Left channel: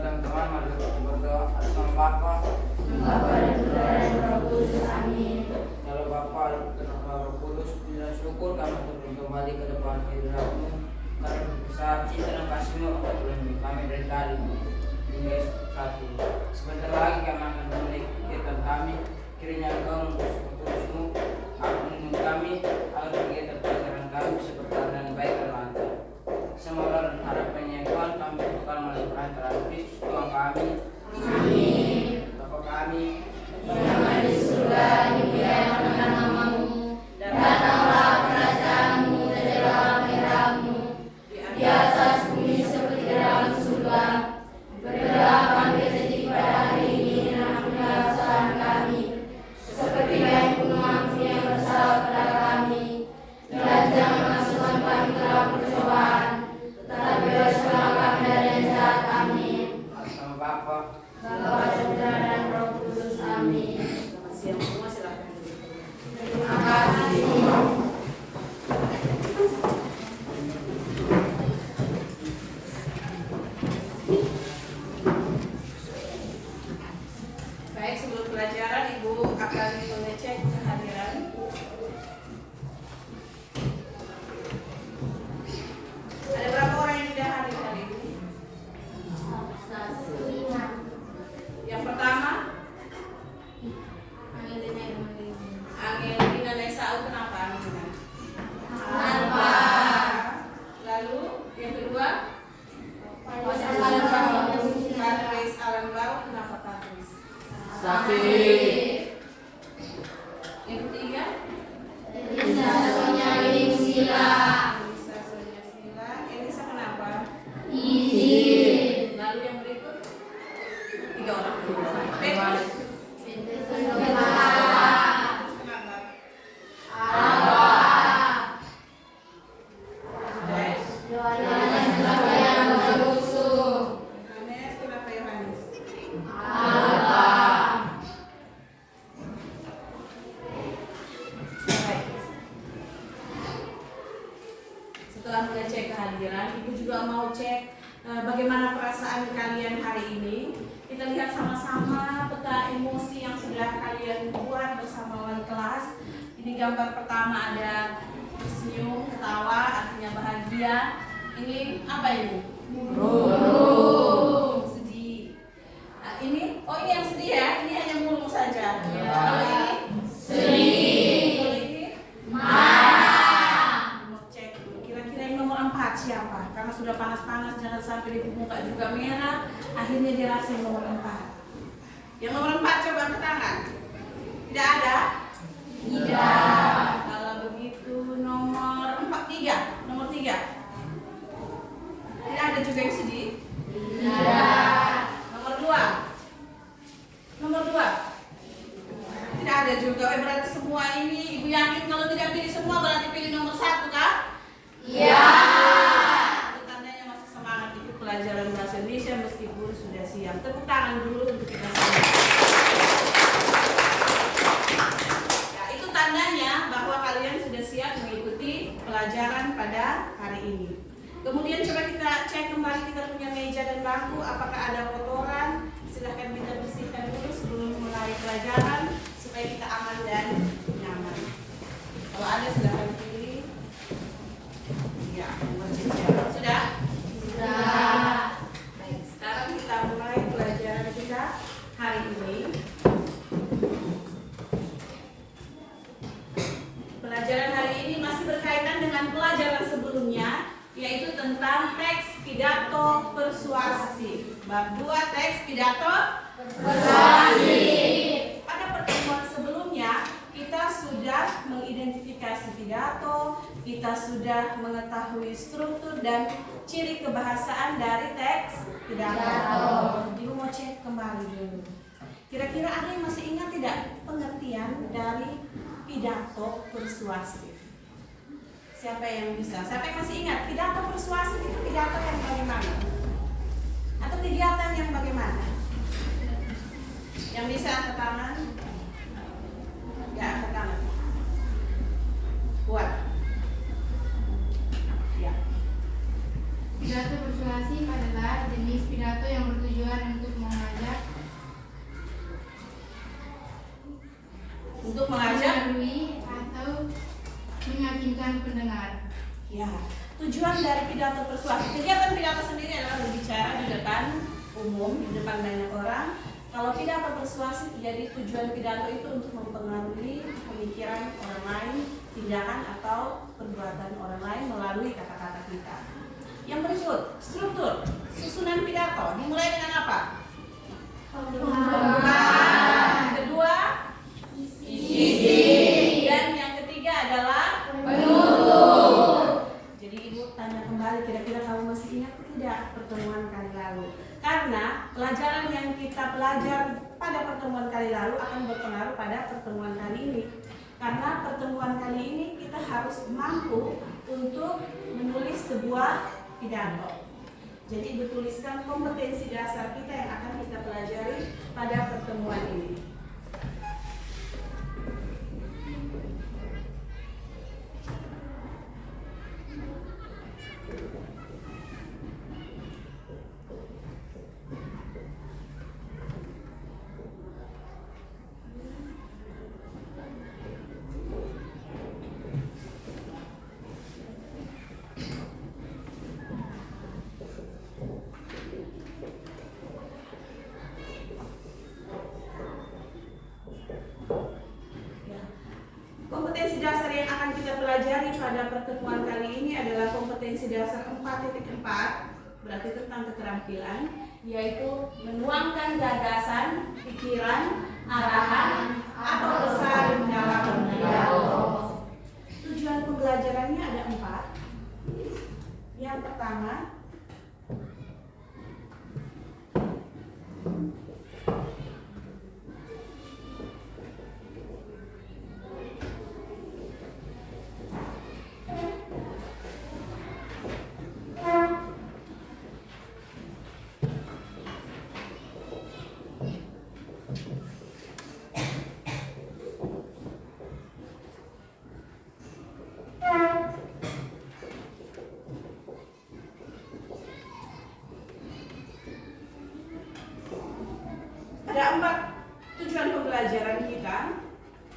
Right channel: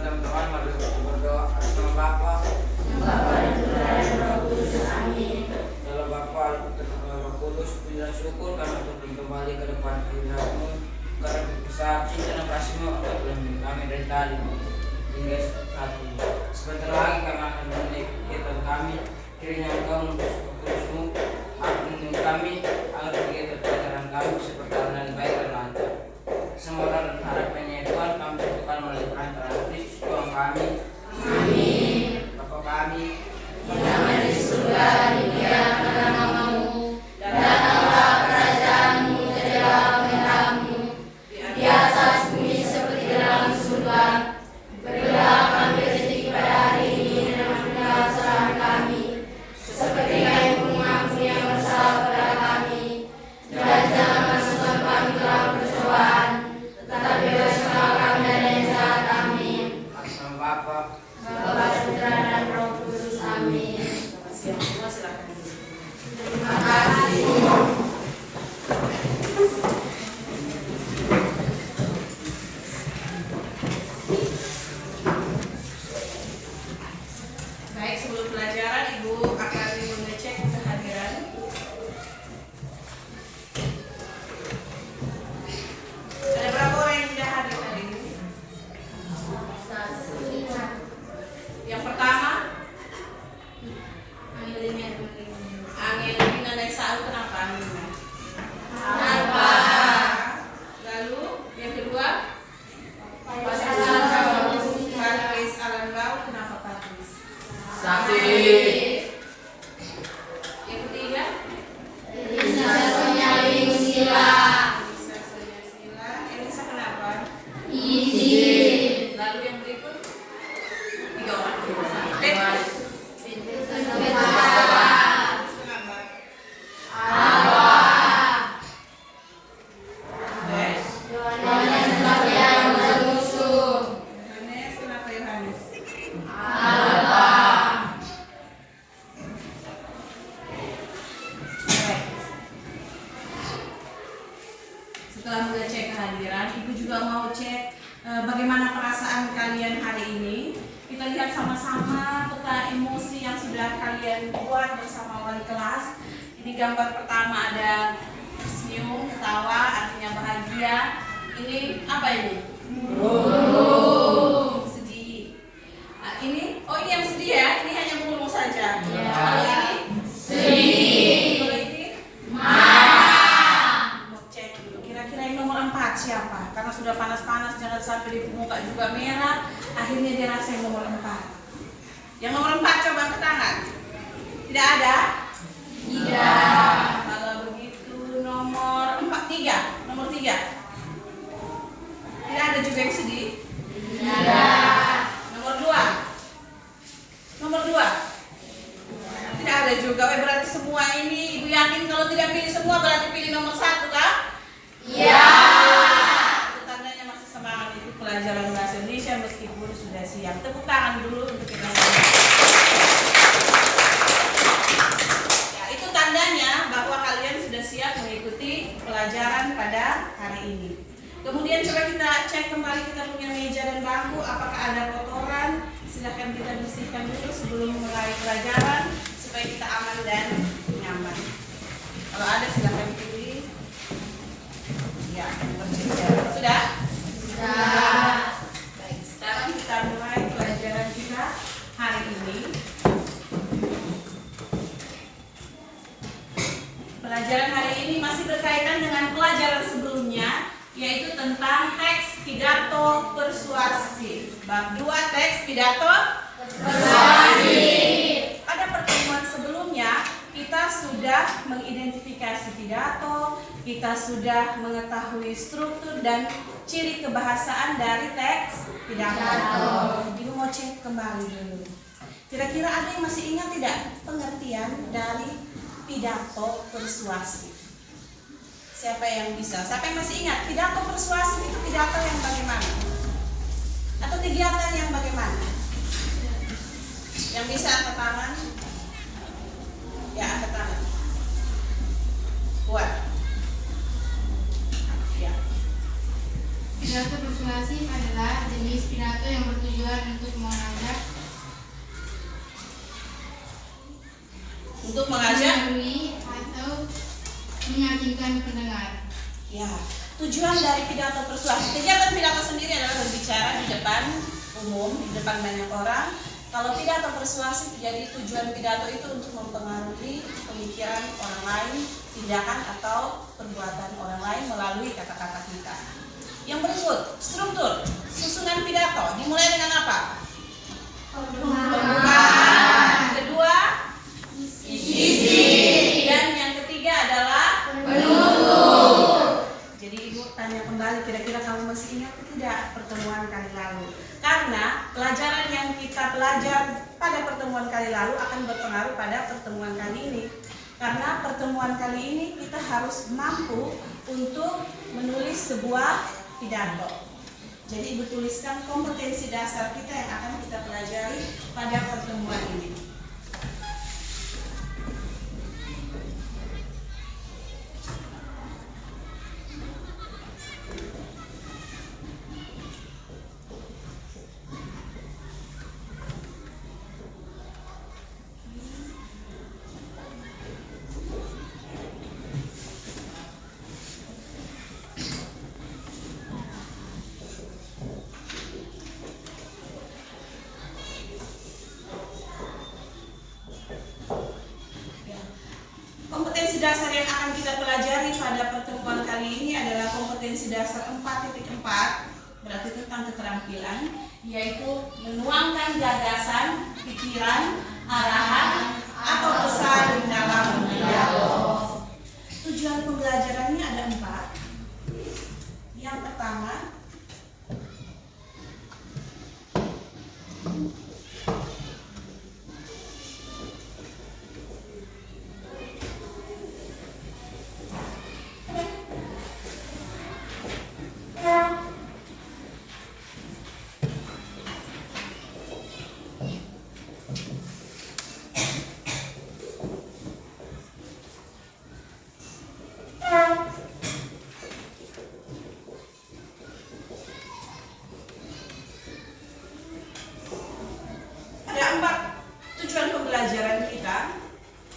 dan teman-teman, mari kita berdoa atas nama Bapa, Bapa dan Putra dan Roh Kudus. Amin. kalau Bapa dan Roh Kudus, puji dan syukur karena turun kembali ke depan hadirat-Mu, karena besar cinta dan kasih-Mu akan melindungi kami dari tadi hingga saat ini. Sebentar lagi kami akan memulai kegiatan kami, kiranya Engkau mengutus Kudus-Mu akan menemui kami agar kegiatan pelajaran kami bisa berjalan dengan baik dan lancar. Semoga dan harapannya Tuhan kami bertukar melalui perantaraan Kristus Tuhan kami. Amin. Bapa kami Yang ada di surga, dimuliakan namamu. Datanglah kerajaanmu, jadilah kehendakmu di atas bumi seperti di dalam surga. Berilah kami rezeki pada hari ini dan ampunilah kesalahan kami, seperti kami pun mengampuni yang bersalah kepada kami. Dan jangan masukkan kami ke dalam pencobaan, tetapi bebaskanlah kami dari yang jahat. Amin. atas nama Bapa, Bapa, Putra dan Roh Kudus. Amin. Semua silakan duduk. Terima kasih. Baik, sebelum pelajaran Ibu akan mengecek kehadiran. Ada berapa orang yang tidak hadir hari ini? Yang pertama, Angelina dan Saul. Kenapa Angelina? Kenapa? Lalu yang kedua, Pasangan Patrice Alangau. Kenapa Patrice? sakit. Yang ketiga, Elisa Sonia Sila. Elisa Sonia Sila. Elisa kenapa? Izin. Lalu yang berikut, tiga orang. Petrus. Kenapa? Kenapa? Awak. Yes. Yohanes kenapa yang musuh? Yohanes. Kenapa Yohanes? Apa? Baik. Setelah mengecek kehadiran, Ibu juga mau cek bagaimana perasaan kalian hari ini. Kita lihat sama-sama peta emosi yang sudah kalian buat bersama wali kelas. Ini gambar pertama ada senyum, ketawa, artinya bahagia. Ini apa ini? Sedih. Nah, ini yang sedih ya. Ini hanya mulu saja. Kalau ini Sedih. Kalau ini Marah. mau cek dulu. Kira-kira yang nomor 4 siapa? Karena sudah panas-panas, jangan sampai di muka juga merah. Akhirnya dia rasa yang nomor 4. Yang nomor 4 coba angkat tangan. Tidak ada? Tidak. Kalau begitu nomor 3. Nomor 3. Tidak ada juga yang sedih. Tidak. Nomor 2. Nomor 2. Tidak ada juga. Berarti semua ini Ibu yakin kalau tidak pilih semua berarti pilih nomor 1 kan? Ya. Itu tandanya masih semangat itu pelajaran bahasa Indonesia meskipun sudah siap. Tepuk tangan dulu untuk kita semua. Ya, itu tandanya bahwa kalian sudah siap mengikuti pelajaran pada hari ini. Kemudian coba kita cek kembali kita punya meja dan bangku, apakah ada kotoran? Silahkan kita bersihkan dulu sebelum mulai pelajaran supaya kita aman dan nyaman. Kalau ada silahkan pilih. Ya, bersedia. Sudah? Sudah. Baik, sekarang kita mulai pelajaran kita hari ini. Pelajaran hari ini masih berkaitan dengan pelajaran sebelumnya, yaitu tentang teks pidato persuasif. Bab 2 teks pidato Persuasif. Pada pertemuan sebelumnya kita sudah mengidentifikasi pidato, kita sudah mengetahui struktur dan ciri kebahasaan dari teks pidato. Ibu mau cek kembali dulu. Kira-kira ada yang masih ingat tidak pengertian dari pidato persuasif? Siapa yang bisa? Siapa yang masih ingat? Pidato persuasif itu pidato yang bagaimana? Atau kegiatan yang bagaimana? Yang bisa angkat tangan? Ya, angkat tangan. Kuat. Ya. Pidato persuasif adalah jenis pidato yang bertujuan untuk mengajak melalui atau meyakinkan pendengar. Ya, tujuan dari pidato persuasif, kegiatan pidato sendiri adalah berbicara di depan umum, di depan banyak orang. Kalau pidato persuasif, jadi tujuan pidato itu untuk mempengaruhi pemikiran orang lain, tindakan atau perbuatan orang lain melalui kata-kata kita. Yang berikut, struktur susunan pidato dimulai dengan apa? Pembukaan. Kedua, isi. Dan yang ketiga adalah penutup. Jadi Ibu tanya kembali, kira-kira kamu masih ingat tidak pertemuan kali lalu? Karena pelajaran yang kita belajar pada pertemuan kali lalu akan berpengaruh pada pertemuan kali ini. Karena pertemuan kali ini kita harus mampu untuk menulis sebuah pidato. Jadi Ibu tuliskan kompetensi dasar kita yang akan kita pelajari pada pertemuan ini. Kompetensi dasar yang akan kita pelajari pada pertemuan kali ini adalah kompetensi dasar 4.4, berarti tentang keterampilan, yaitu menuangkan gagasan, pikiran, arahan, atau pesan dalam pidato. Tujuan pembelajarannya ada 4. Yang pertama, ada 4 tujuan pembelajaran kita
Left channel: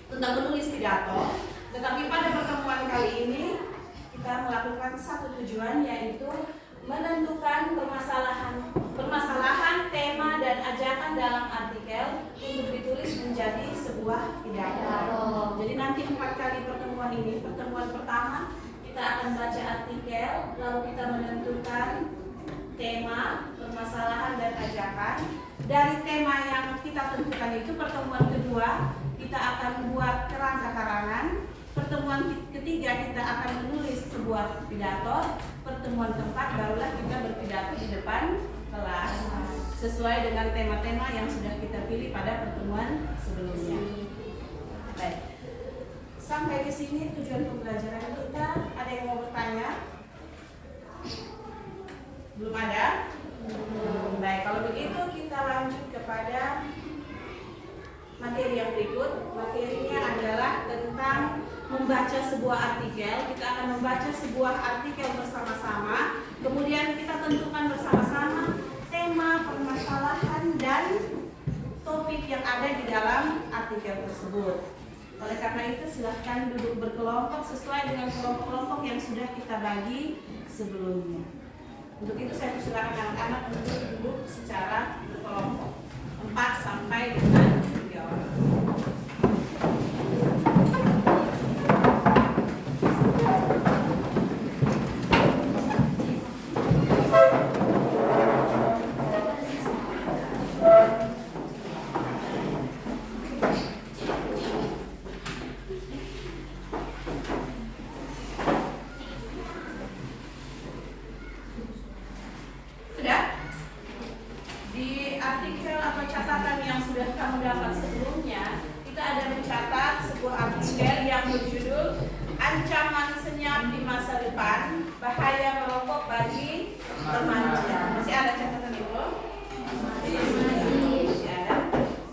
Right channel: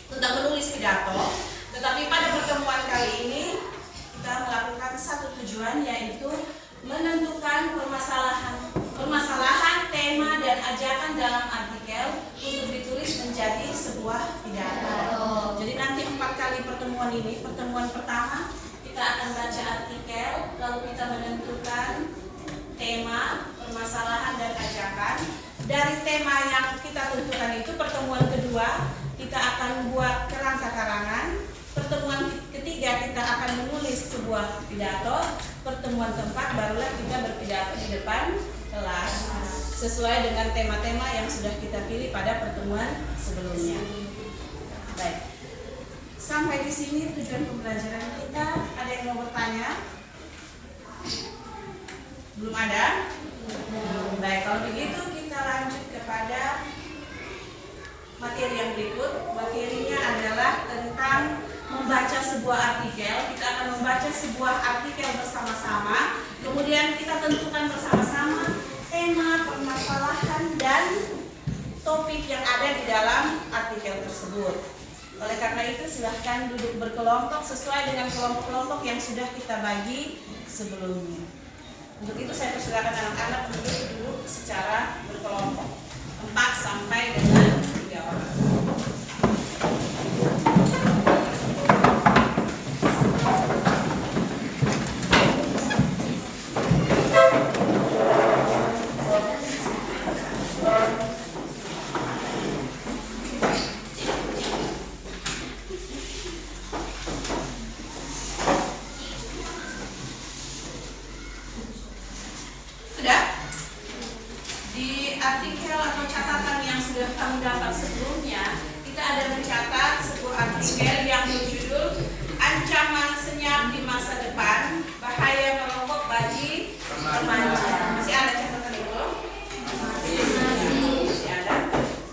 tentang menulis pidato. Tetapi pada pertemuan kali ini kita melakukan satu tujuan, yaitu menentukan permasalahan, tema dan ajakan dalam artikel untuk ditulis menjadi sebuah pidato. Jadi nanti 4 kali pertemuan ini, pertemuan pertama kita akan baca artikel, lalu kita menentukan tema, permasalahan dan ajakan. Dari tema yang kita tentukan itu, pertemuan kedua kita akan buat kerangka karangan. Pertemuan ketiga kita akan menulis sebuah pidato. Pertemuan keempat barulah kita berpidato di depan kelas sesuai dengan tema-tema yang sudah kita pilih pada pertemuan sebelumnya. Baik, sampai di sini tujuan pembelajaran kita. Ada yang mau bertanya? Belum ada? Baik, kalau begitu kita lanjut kepada materi yang berikut. Materinya adalah tentang membaca sebuah artikel. Kita akan membaca sebuah artikel bersama-sama. Kemudian kita tentukan bersama-sama tema, permasalahan, dan topik yang ada di dalam artikel tersebut. Oleh karena itu silahkan duduk berkelompok sesuai dengan kelompok-kelompok yang sudah kita bagi sebelumnya. Untuk itu saya persilakan anak-anak untuk duduk secara berkelompok 4 sampai dengan 3 orang. Di artikel atau catatan yang sudah kamu dapat sebelumnya, kita ada mencatat sebuah artikel yang berjudul Ancaman Senyap di Masa Depan, Bahaya Merokok bagi Remaja. Masih ada catatan itu? Masih ada.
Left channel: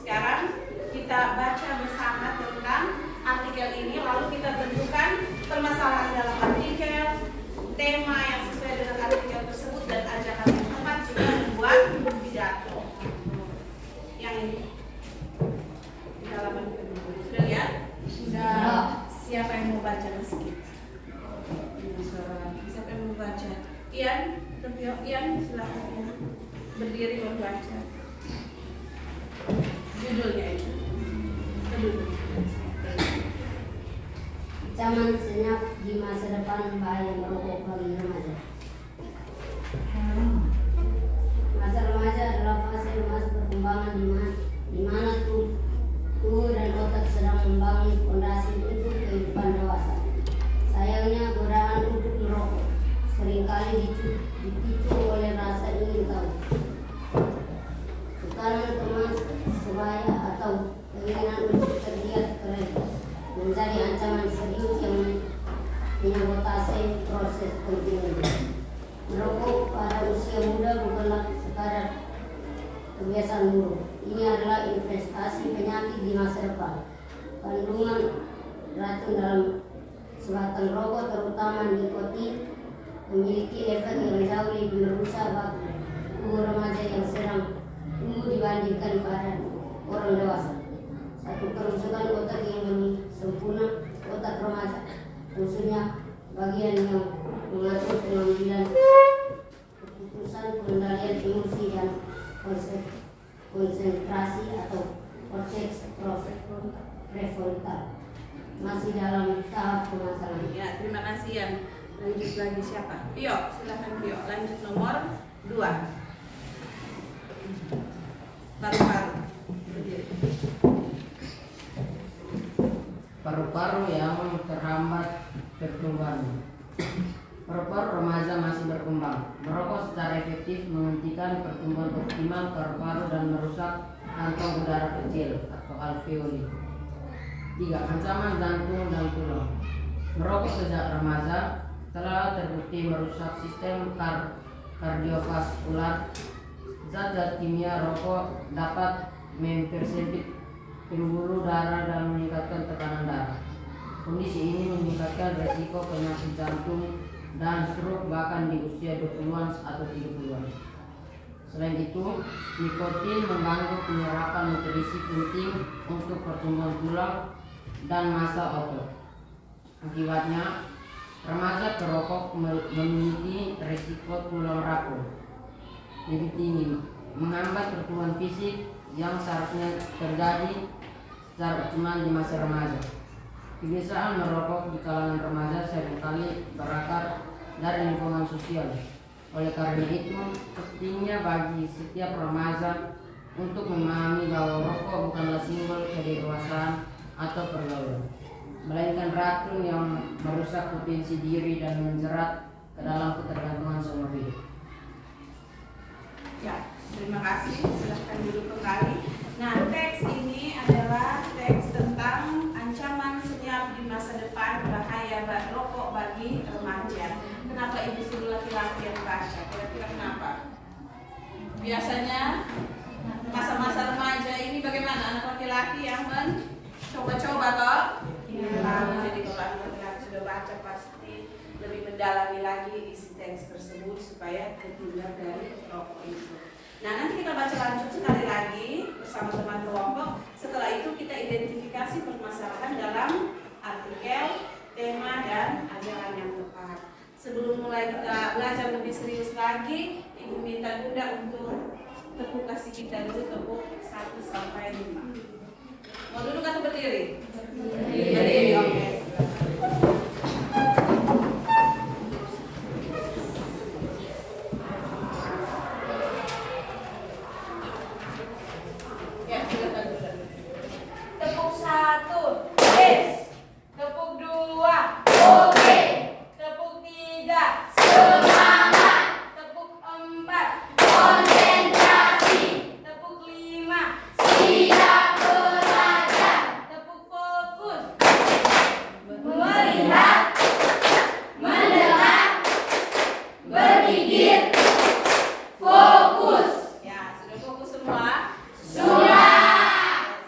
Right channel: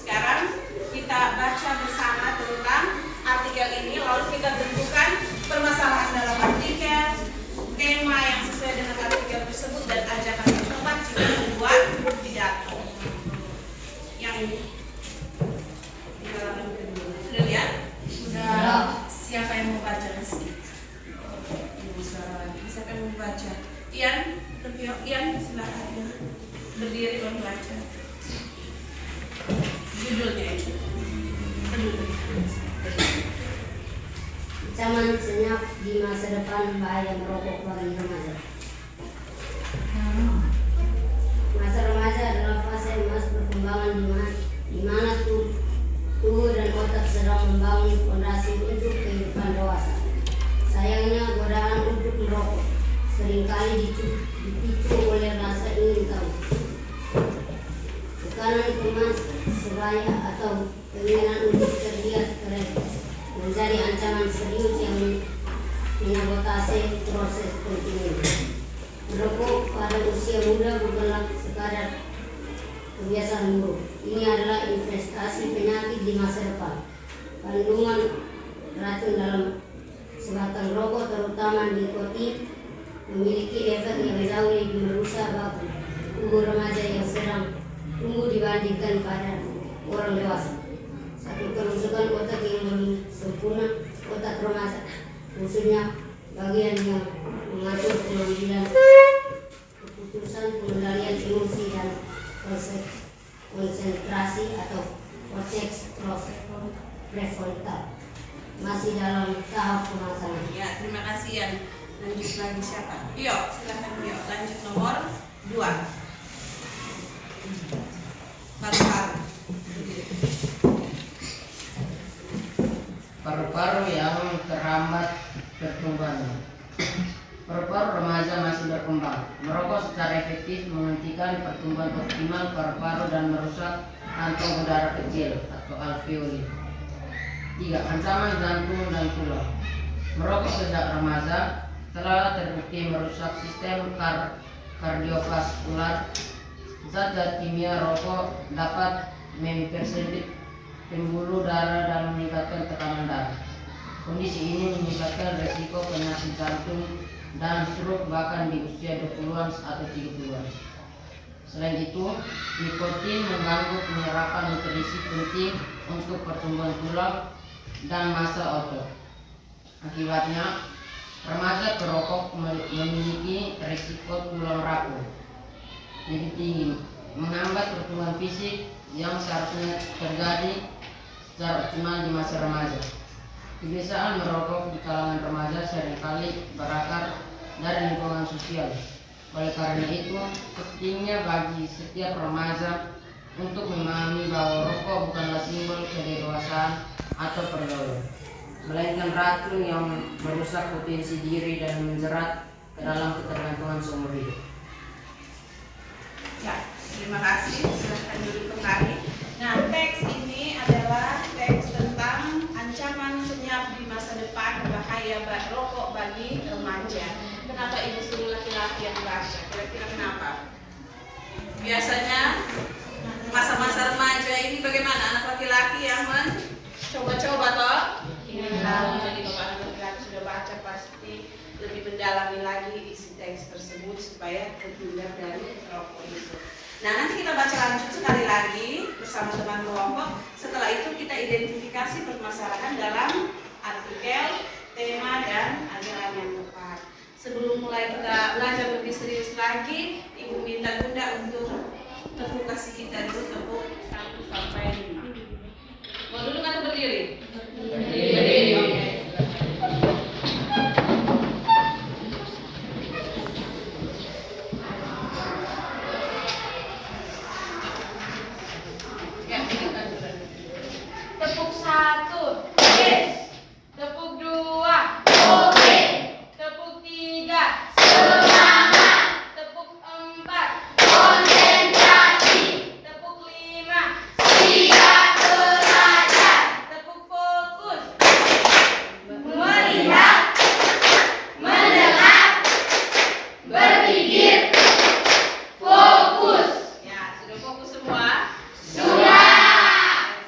Sekarang kita baca bersama tentang artikel ini, lalu kita tentukan permasalahan dalam artikel, tema yang sesuai dengan artikel tersebut, dan Berdiri membaca. Judulnya itu. Ancaman senyap di masa depan, bahaya merokok bagi remaja. Masa remaja adalah fase emas perkembangan di mana tubuh dan otak sedang membangun fondasi untuk kehidupan dewasa. Sayangnya godaan untuk merokok seringkali dipicu oleh rasa ingin tahu, tekanan teman sebaya atau keinginan untuk terlihat keren menjadi ancaman serius yang menyabotase proses penting. Merokok pada usia muda bukanlah sekadar kebiasaan buruk. Ini adalah investasi penyakit di masa depan. Kandungan racun dalam sebatang rokok, terutama nikotin, memiliki efek yang jauh lebih merusak bagi tubuh remaja yang sedang tumbuh dibandingkan pada orang dewasa. Satu kerusakan otak yang belum sempurna, otak remaja, khususnya bagian yang mengatur pengambilan keputusan, pengendalian emosi dan konsentrasi atau korteks prefrontal, masih dalam tahap pematangan. Ya, terima kasih Yan. Lanjut lagi siapa? Yo, silahkan Yo. Lanjut nomor 2. Paru-paru. Paru-paru yang terhambat pertumbuhannya. Paru-paru remaja masih berkembang. Merokok secara efektif menghentikan pertumbuhan optimal paru-paru dan merusak kantong udara kecil atau alveoli. 3. Ancaman jantung dan tulang. Merokok sejak remaja telah terbukti merusak sistem kardiovaskular. Zat-zat kimia rokok dapat mempersempit pembuluh darah dan meningkatkan tekanan darah. Kondisi ini meningkatkan resiko penyakit jantung dan stroke bahkan di usia 20-an atau 30-an. Selain itu, nikotin mengganggu penyerapan nutrisi penting untuk pertumbuhan tulang dan massa otot. Akibatnya, remaja perokok memiliki risiko tulang rapuh lebih tinggi, menghambat pertumbuhan fisik yang seharusnya terjadi secara optimal di masa remaja. Kebiasaan merokok di kalangan remaja seringkali berakar dari lingkungan sosial. Oleh karena itu, pentingnya bagi setiap remaja untuk memahami bahwa rokok bukanlah simbol kedewasaan atau pergaulan, melainkan racun yang merusak potensi diri dan menjerat ke dalam ketergantungan seumur hidup. Ya, terima kasih. Silahkan duduk kembali. Nah, teks ini adalah teks tentang ancaman senyap di masa depan, bahaya rokok bagi remaja. Kenapa ibu suruh laki-laki yang baca? Kira-kira kenapa? Biasanya masa-masa remaja ini bagaimana anak laki-laki yang mencoba-coba toh? Kalau jadi bapak anak laki-laki sudah baca pasti lebih mendalami lagi isi teks tersebut supaya terhindar dari rokok itu. Nah, nanti kita baca lanjut sekali lagi bersama teman kelompok. Setelah itu kita identifikasi permasalahan dalam artikel, tema, dan ajaran yang tepat. Sebelum mulai kita belajar lebih serius lagi, Ibu minta Bunda untuk tepuk kasih kita dulu, tepuk 1 sampai 5. Mau duduk atau berdiri? Berdiri. Oke. Tepuk 1, yes. Tepuk 2, oke. Tepuk 3, semangat. Tepuk 4, konsentrasi. Tepuk 5, siap belajar. Tepuk fokus, melihat, mendengar, berpikir, fokus. Ya, sudah fokus semua? Sudah.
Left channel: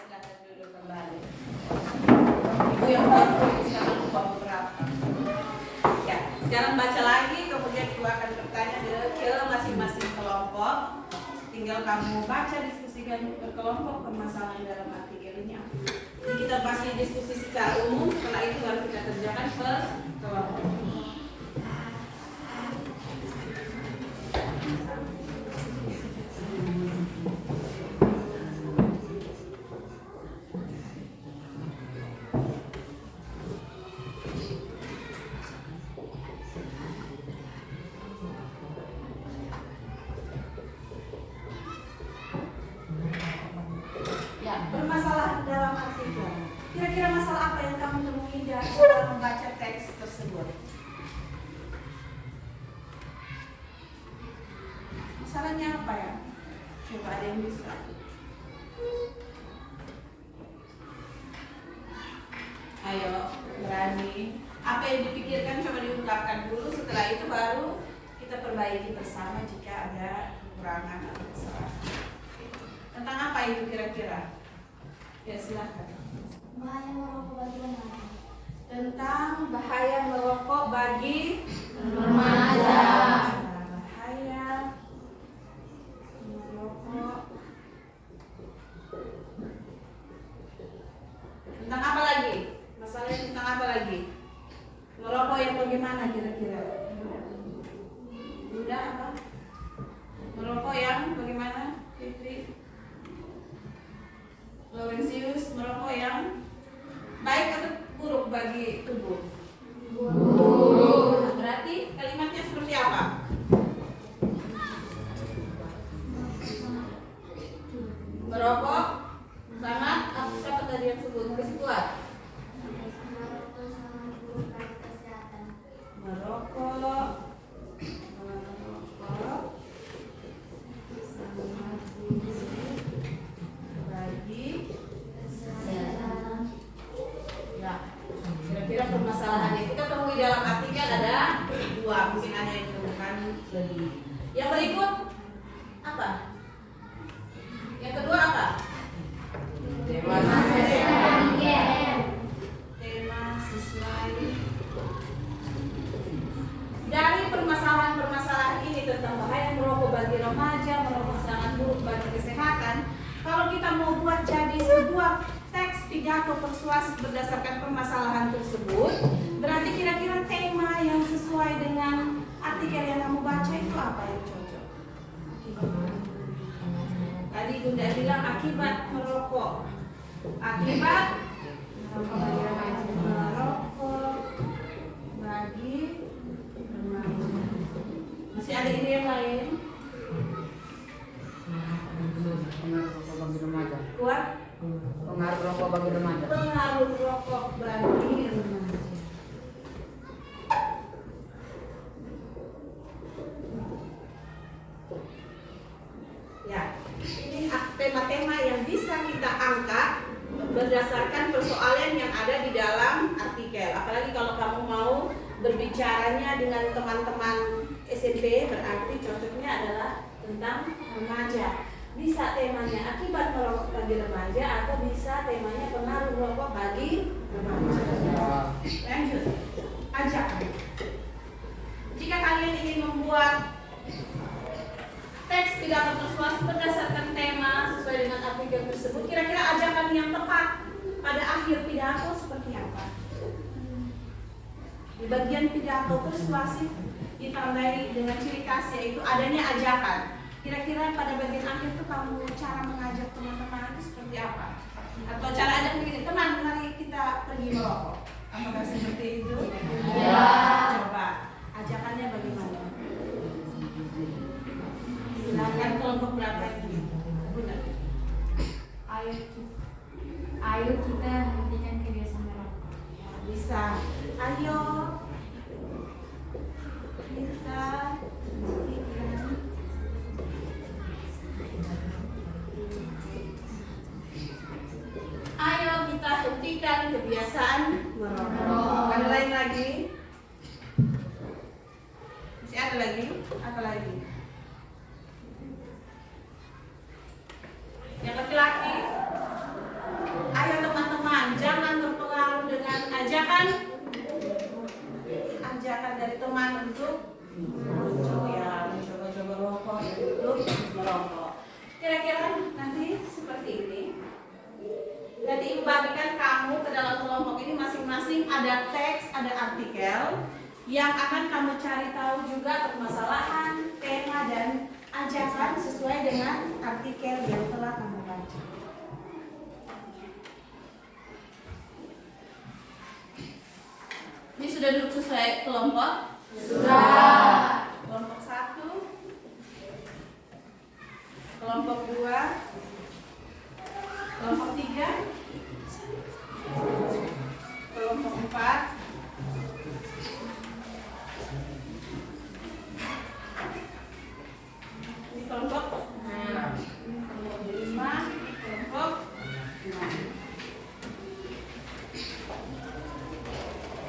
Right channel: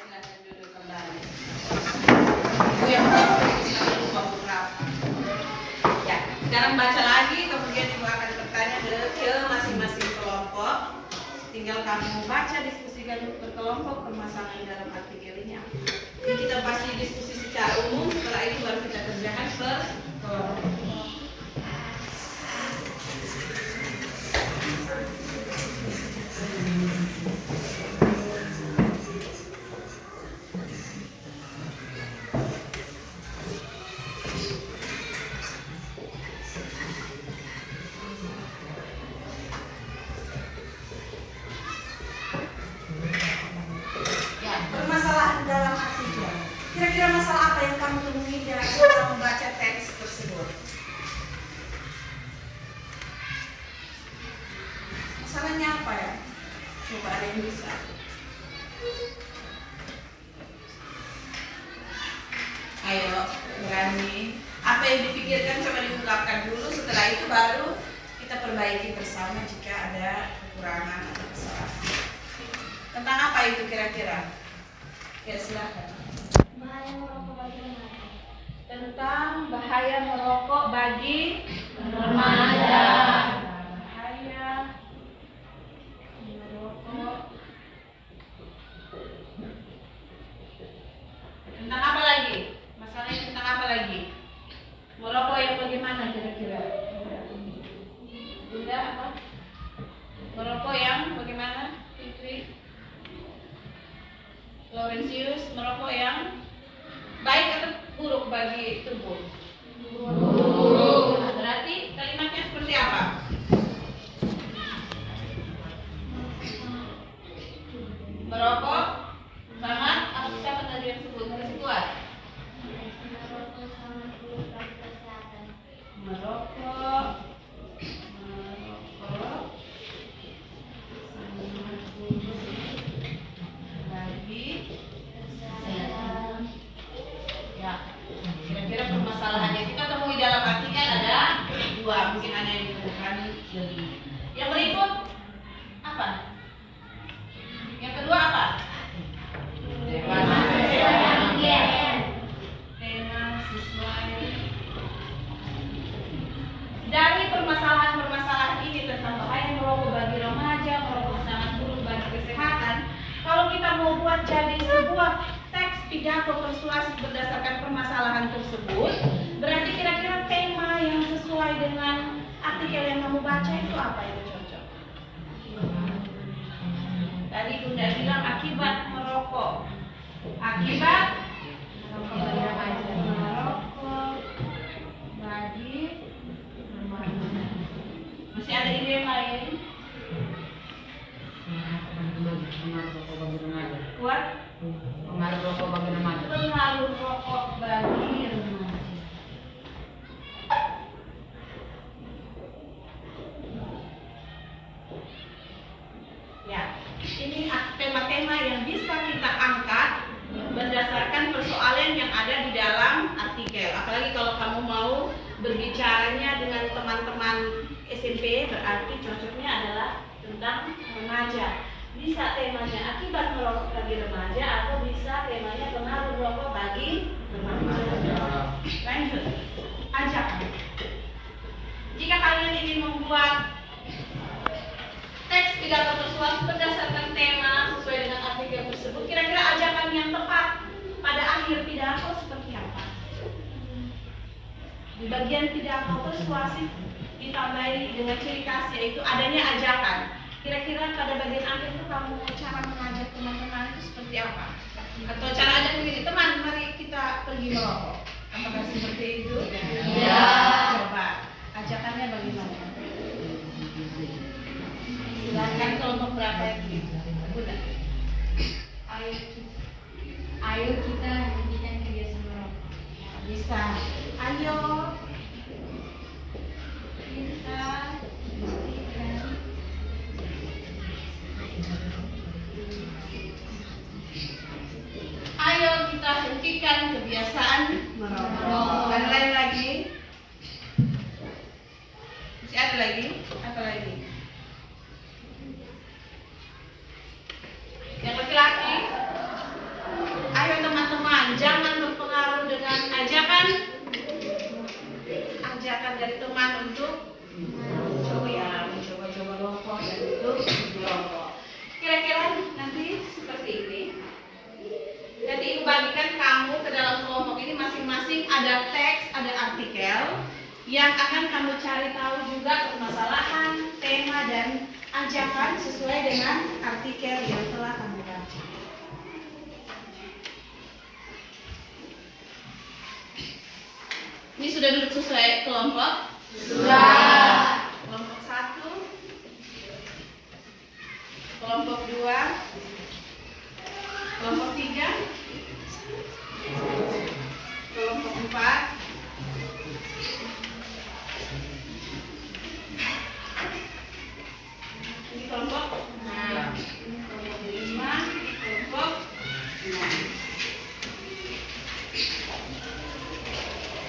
Silakan duduk kembali. Ibu yang fokus lagi lupa beberapa. Ya, sekarang baca lagi, kemudian Ibu akan bertanya ke masing-masing kelompok. Tinggal kamu baca, diskusikan berkelompok permasalahan dalam artikel ini. Jadi kita pasti diskusi secara umum, setelah ini baru kita kerjakan per kelompok. masalahnya apa ya? Coba ada yang bisa. Ayo, berani. Apa yang dipikirkan coba diungkapkan dulu. Setelah itu baru kita perbaiki bersama jika ada kekurangan atau kesalahan. Tentang apa itu kira-kira? Ya silahkan. Bahaya merokok bagi remaja. Tentang bahaya merokok bagi Remaja. Bahaya merokok. Tentang apa lagi? Masalahnya tentang apa lagi? Merokok yang bagaimana kira-kira? Bunda apa? Merokok yang bagaimana? Fitri? Laurentius, merokok yang baik atau buruk bagi tubuh? Buruk. Nah, berarti kalimatnya seperti apa? Merokok sangat apa tadi yang sebut? Harus kuat. Merokok sangat buruk bagi kesehatan. Merokok sangat buruk bagi Kesehatan. ya. Kira-kira permasalahannya kita temui dalam artikel ada dua, mungkin ada yang menemukan lebih. Yang berikut apa? Yang kedua apa? Tema Sesuai. Dari permasalahan-permasalahan ini tentang bahaya merokok bagi remaja, merokok sangat buruk bagi kesehatan. Kalau kita mau buat jadi sebuah teks pidato persuasif berdasarkan permasalahan tersebut, berarti kira-kira tema yang sesuai dengan artikel yang kamu baca itu apa yang cocok? Tadi Bunda bilang akibat merokok. Akibat merokok bagi remaja. Masih ada ide yang lain? Kuat? Pengaruh rokok bagi remaja. Pengaruh rokok bagi remaja. Ya, ini tema-tema yang bisa kita angkat berdasarkan persoalan yang ada di dalam artikel. Apalagi kalau kamu mau berbicaranya dengan teman-teman SMP, berarti cocoknya adalah tentang remaja. Bisa temanya akibat merokok bagi remaja atau bisa temanya pengaruh rokok bagi remaja. Lanjut, ajakan. Jika kalian ingin membuat teks pidato persuasif berdasarkan tema sesuai dengan artikel tersebut, kira-kira ajakan yang tepat pada akhir pidato seperti apa? Di bagian pidato persuasif ditandai dengan ciri khas yaitu adanya ajakan. Kira-kira pada bagian akhir itu kamu cara mengajak teman-teman itu seperti apa? Atau cara ajak begini, teman mari kita pergi merokok. Apakah seperti itu? Ya. Coba ajakannya bagaimana? Silakan kelompok berapa ini? Bunda. Ayo kita hentikan kebiasaan merokok. Bisa. Ayo kita hentikan. Ayo kita hentikan kebiasaan merokok. Ada lain lagi? Masih ada lagi? Apa lagi? Yang laki-laki, ayo teman-teman jangan terpengaruh dengan ajakan dari teman untuk mencoba-coba rokok dan untuk merokok. Kira-kira nanti seperti ini. Nanti ibu bagikan kamu ke dalam kelompok ini masing-masing ada teks, ada artikel yang akan kamu cari tahu juga permasalahan, tema dan ajakan sesuai dengan artikel yang telah kamu baca. Ini sudah duduk sesuai kelompok? Sudah. Kelompok 1, kelompok 2, kelompok 3, kelompok 4, Ini kelompok 6. Kelompok 5, kelompok 6.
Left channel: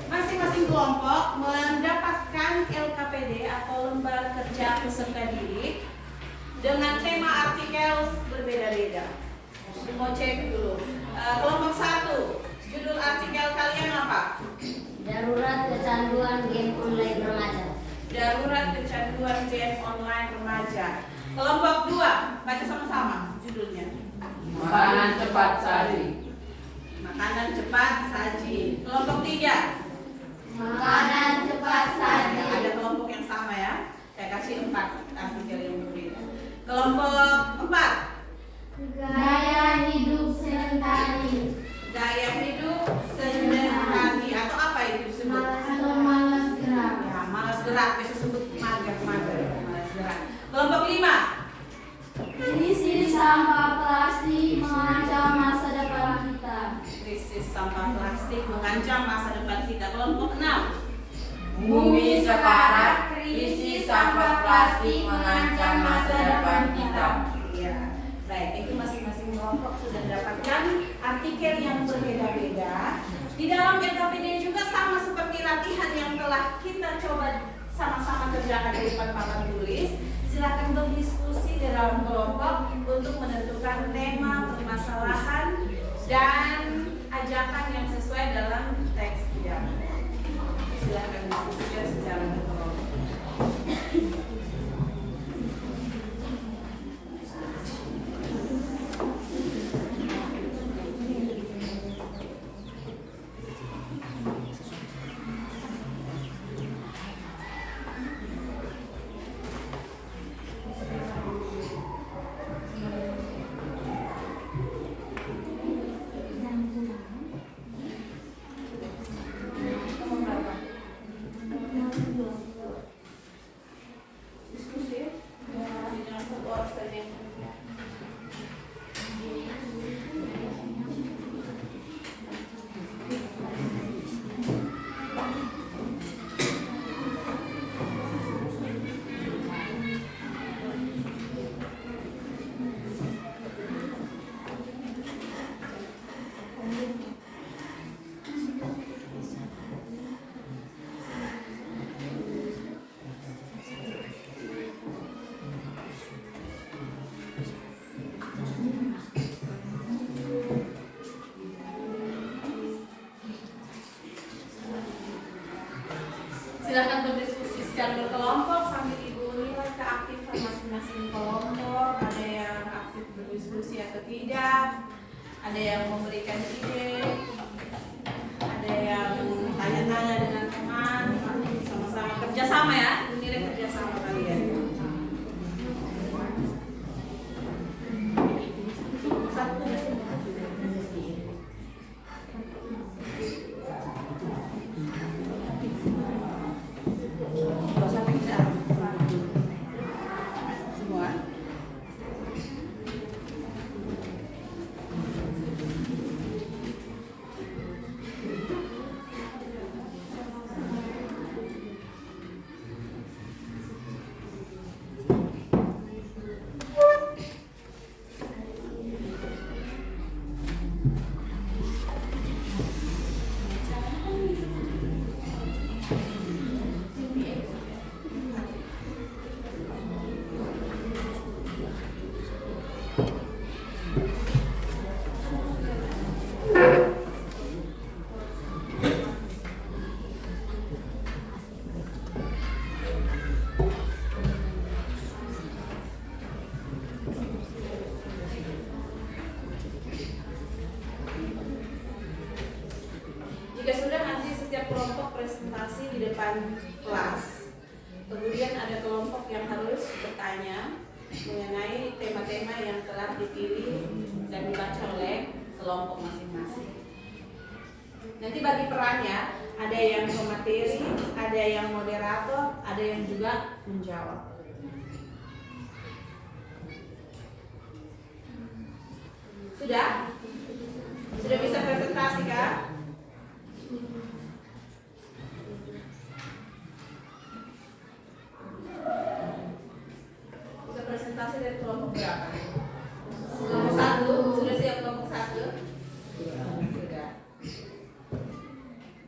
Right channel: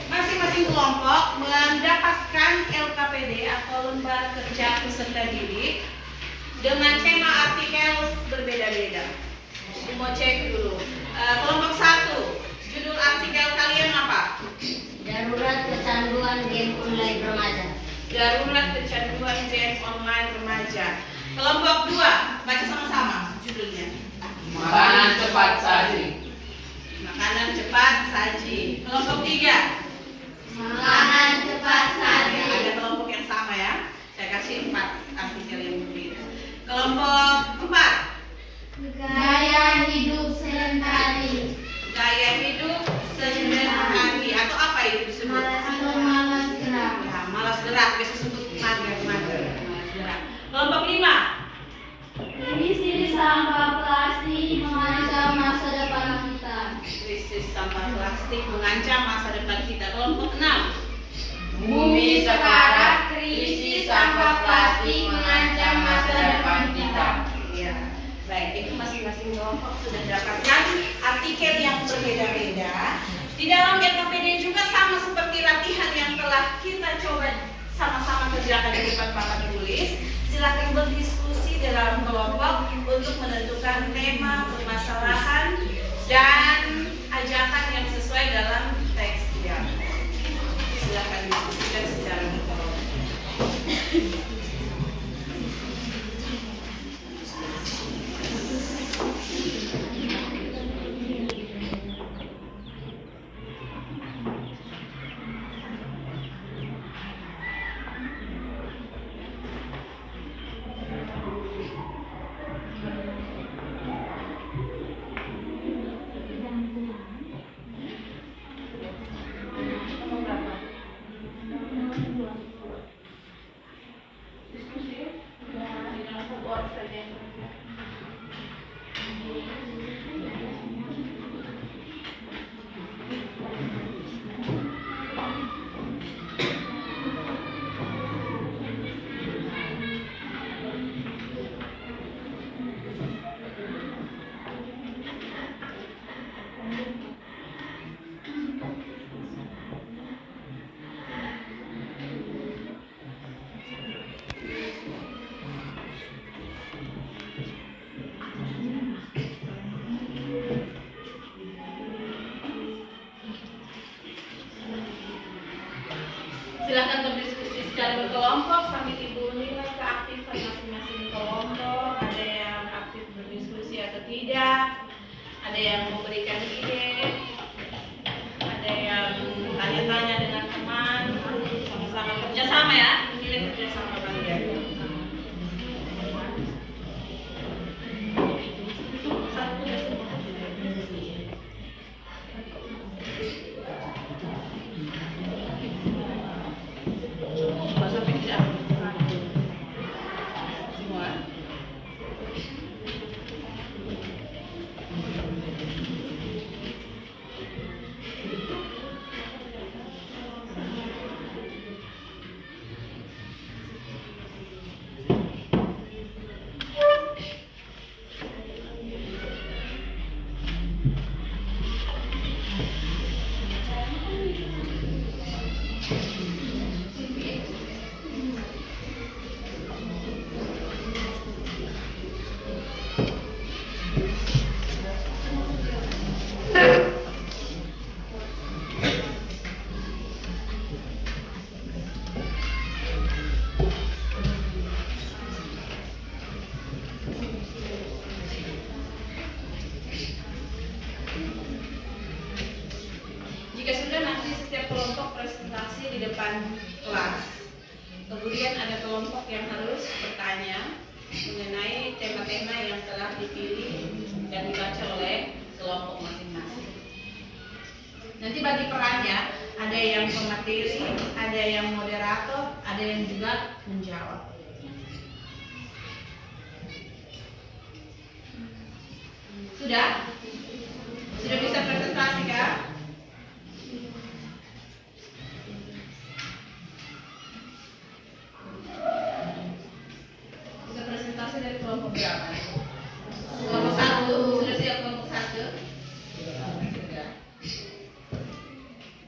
Masing-masing kelompok mendapatkan LKPD atau lembar kerja peserta didik dengan tema artikel berbeda-beda. Mau cek dulu. Kelompok 1, judul artikel kalian apa? Darurat kecanduan game online remaja. Darurat kecanduan game online remaja. Kelompok 2, baca sama-sama judulnya. Makanan cepat saji. Makanan cepat saji. Kelompok 3, Makanan cepat saji. ada kelompok yang sama ya. Saya kasih 4 artikel yang berbeda. Kelompok 4, Gaya hidup sedentari. gaya hidup sedentari atau apa itu disebut? Atau malas gerak. Ya, malas gerak, bisa sebut mager, malas gerak. Kelompok 5, Krisis sampah plastik mengancam masa depan kita. krisis sampah plastik mengancam masa depan kita. Kelompok 6, Bumi sekarat, krisis sampah plastik mengancam masa depan kita. ya. Baik, itu masing-masing kelompok sudah mendapatkan artikel yang berbeda-beda. Di dalam LKPD juga sama seperti latihan yang telah kita coba sama-sama kerjakan di depan papan tulis. Silakan berdiskusi di dalam kelompok untuk menentukan tema, permasalahan, dan ajakan yang sesuai dalam teks pidato. Silakan diskusikan secara berkelompok. Silakan berdiskusi secara berkelompok sambil ibu nilai keaktifan masing-masing kelompok. Ada yang aktif berdiskusi atau tidak, ada yang memberikan ide, ada yang tanya-tanya dengan teman, sama-sama kerjasama ya, nilai kerjasama kalian. Sampai tidak semua. Jika sudah, nanti setiap kelompok presentasi di depan kelas. Kemudian ada kelompok yang harus bertanya mengenai tema-tema yang telah dipilih dan dibaca oleh kelompok masing-masing. Nanti bagi perannya, ada yang pemateri, ada yang moderator, ada yang juga menjawab. Sudah? Sudah bisa presentasi kah? Bisa presentasi? presentasi dari kelompok berapa? Kelompok 1, sudah siap kelompok 1? Sudah.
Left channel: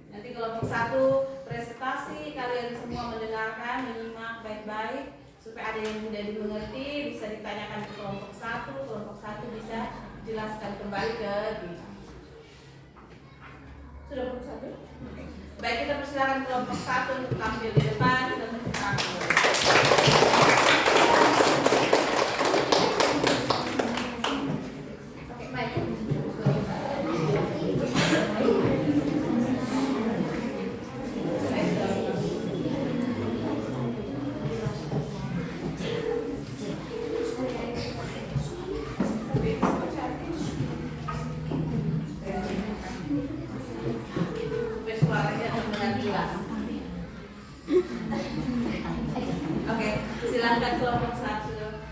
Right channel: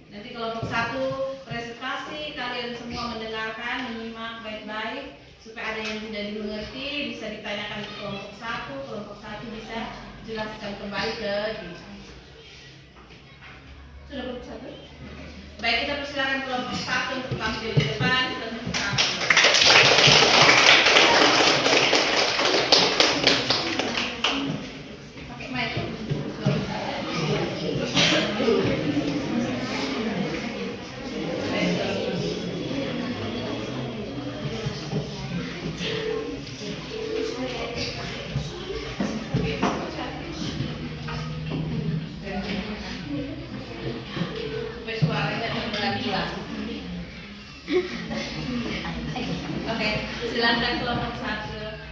Nanti kelompok 1 presentasi, kalian semua mendengarkan, menyimak baik-baik supaya ada yang tidak dimengerti bisa ditanyakan ke kelompok 1, kelompok 1 bisa jelaskan kembali ke kita. Sudah kelompok 1? Baik, kita persilakan kelompok 1 untuk tampil di depan dan menceritakan. Pakai mic. Oke, silakan kelompok 1.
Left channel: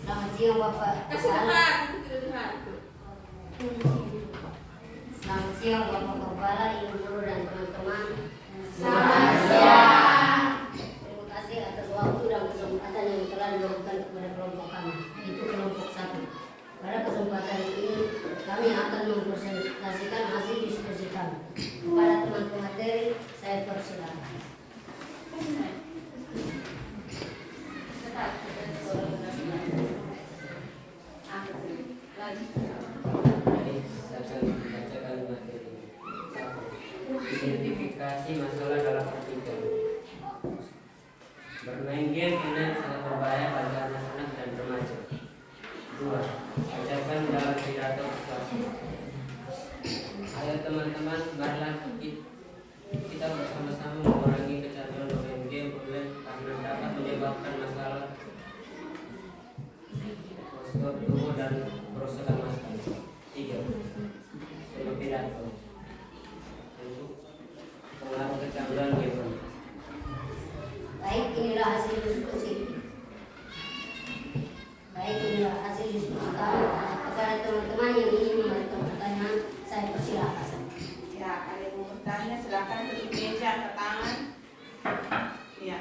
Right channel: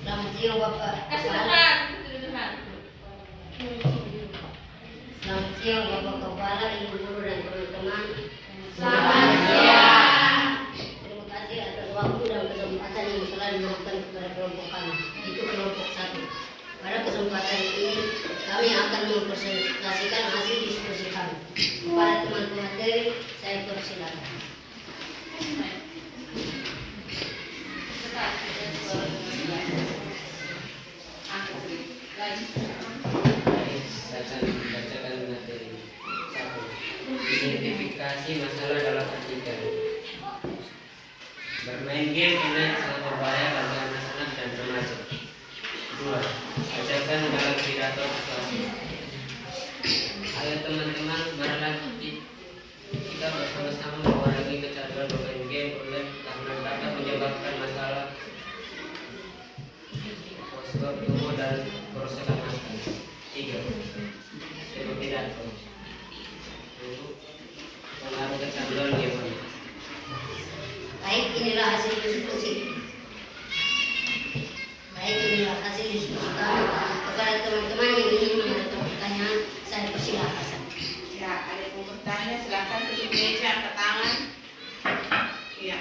Selamat siang Bapak. Kasih dekat, itu dekat. Selamat siang Bapak Kepala, Ibu Guru dan teman-teman. Selamat siang. Terima kasih atas waktu dan kesempatan yang telah diberikan kepada kelompok kami, itu kelompok 1. Pada kesempatan ini kami akan mempresentasikan hasil diskusi kami. Kepada teman pemateri, saya persilakan. Bacakan materi. 1. Identifikasi masalah dalam artikel. Bermain game ini sangat berbahaya bagi anak-anak dan remaja. 2. Bacakan dalam pidato persuasif. Ayo teman-teman, marilah kita bersama-sama mengurangi kecanduan bermain game online karena dapat menyebabkan masalah sebab tubuh dan kerusakan mata. 3. Tema pidato. Pengaruh kecanduan game. Baik, inilah hasil diskusi. Kami. Kepada teman-teman yang ingin mengajukan pertanyaan, saya persilakan. Ya, ada yang mau bertanya, silakan duduk di meja, angkat tangan. Iya,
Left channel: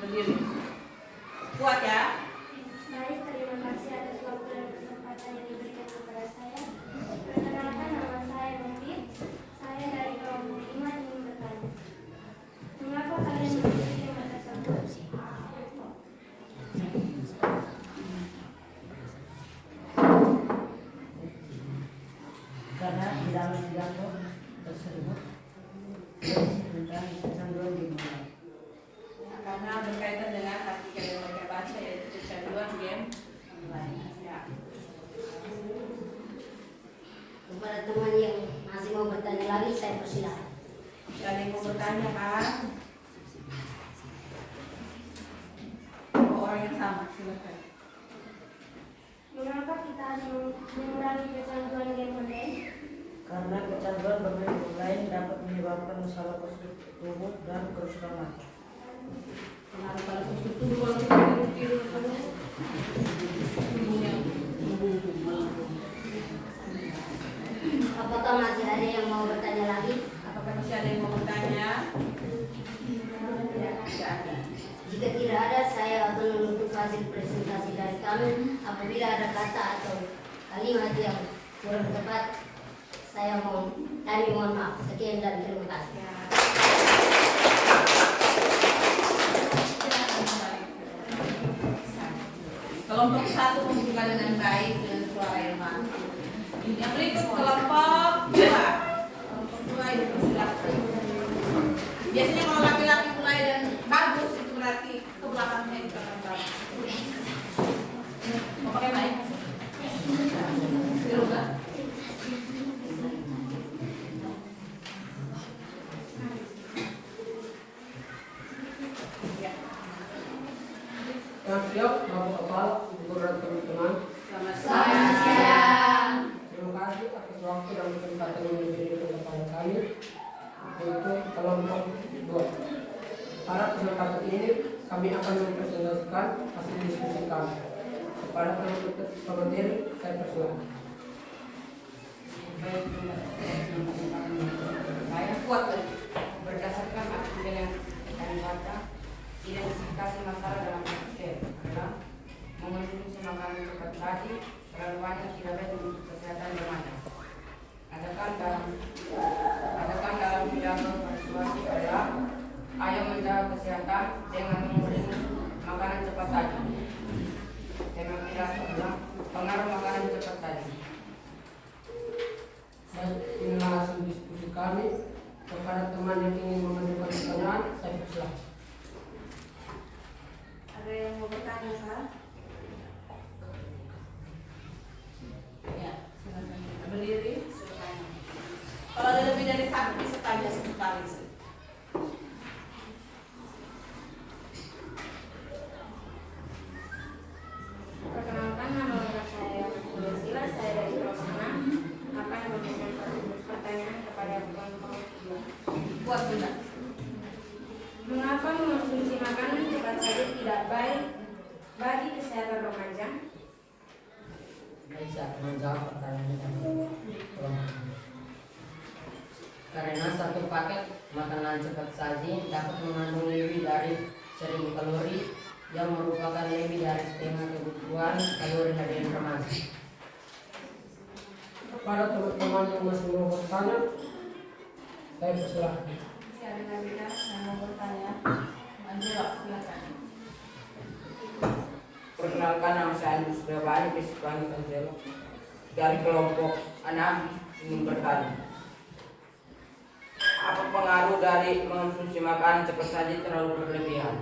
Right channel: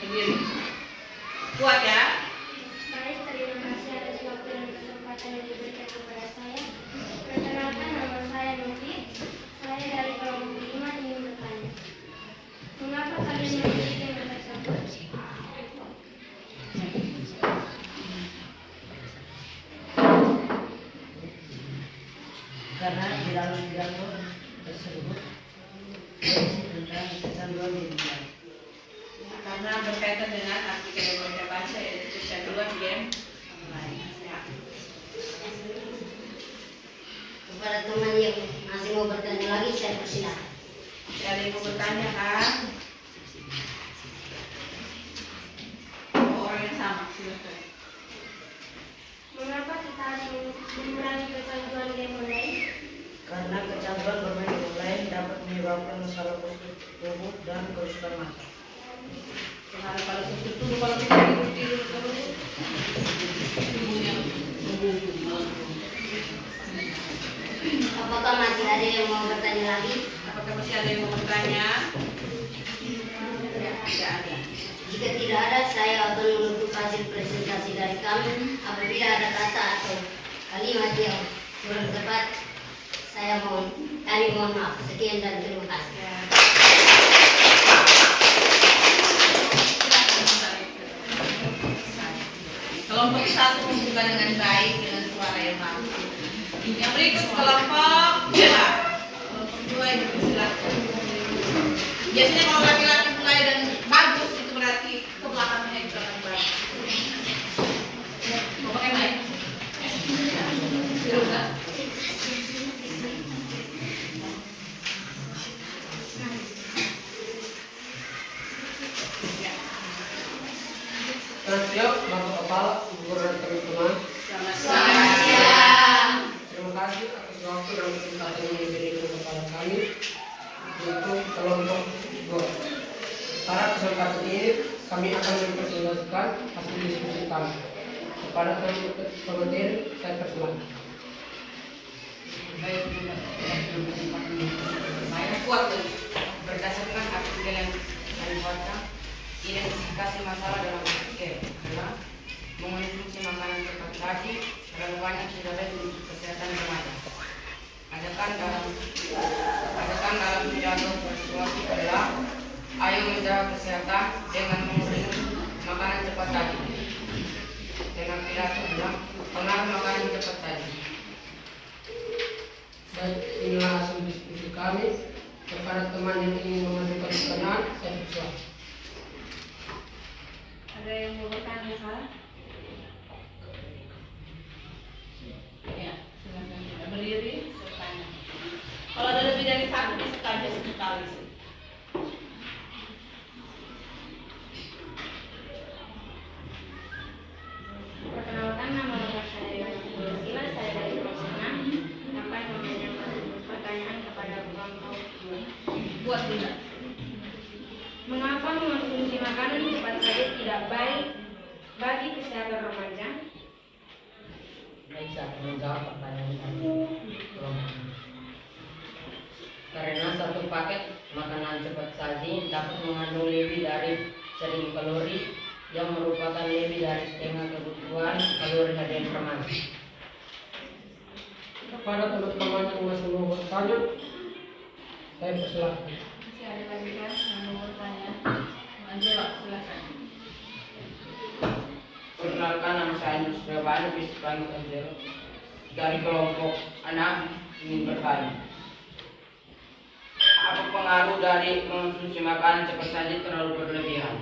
berdiri. Kuat ya. Baik, terima kasih atas waktu dan kesempatan yang diberikan kepada saya. Perkenalkan, nama saya Novi. Saya dari kelompok 5 ingin bertanya. Mengapa kalian memilih tema tersebut? Karena di dalam pidato tersebut tentang kecanduan game online. Karena berkaitan dengan artikel yang mereka baca yaitu kecanduan game online. Ya. Kepada teman yang masih mau bertanya lagi, saya persilakan. Ada yang mau bertanya kan? Orang yang sama, silakan. Mengapa kita harus mengurangi kecanduan game online? Karena kecanduan bermain game online dapat menyebabkan masalah positif tubuh dan kerusakan mata. Kemarin kalau susu dulu kalau kita tidur terus tubuhnya Apakah masih ada yang mau bertanya lagi? apakah masih ada yang mau bertanya? Tidak ada. Jika tidak ada, saya akan menutup hasil presentasi dari kami. Apabila ada kata atau kalimat yang kurang tepat, kami mohon maaf. Sekian dan terima kasih. Ya. Silakan kembali. Kelompok 1 membuka dengan baik dengan suara yang bagus. Yang berikut kelompok 2. Kelompok 2 yang silakan. Biasanya kalau laki-laki mulai dan bagus itu berarti ke belakangnya itu akan baik. Mau pakai mic? Silakan. Ya. Selamat siang, Bapak Kepala, Ibu Guru dan teman-teman. Selamat Selamat siang. siang. Terima kasih atas waktu dan kesempatan yang diberikan kepada kami untuk kelompok 2. Pada kesempatan ini kami akan mempresentasikan hasil diskusi kami. Kepada pemateri, saya persilakan. Saya kuat dan berdasarkan artikel yang kami baca, identifikasi masalah dalam artikel adalah memenuhi kira-kira adalah pengaruh makanan cepat saji. Baik, inilah hasil diskusi kami. Kepada teman yang ingin mengajukan pertanyaan, saya persilahkan. Ada yang mau bertanya, Kak? Ya, silakan kita berdiri bertanya. Kalau ada lebih dari satu bisa tanya sekali sih. Perkenalkan, nama saya Sila, saya dari kelompok 6. Apa yang menanyakan pertanyaan kepada kelompok 2? Buat juga. Mengapa mengonsumsi makanan cepat saji tidak baik bagi kesehatan remaja? Baik, saya akan menjawab pertanyaan tadi. Karena satu paket makanan cepat saji dapat mengandung lebih dari 1000 kalori yang merupakan lebih dari setengah kebutuhan kalori harian remaja. Kepada teman-teman yang masih mau bertanya, saya persilahkan. Masih ada lagi kan yang mau bertanya? Angelo, silakan. Perkenalkan, nama saya Andrew Surabaya, bisa panggil Angelo. Dari kelompok 6 ingin bertanya. Apa pengaruh dari mengonsumsi makanan cepat saji terlalu berlebihan?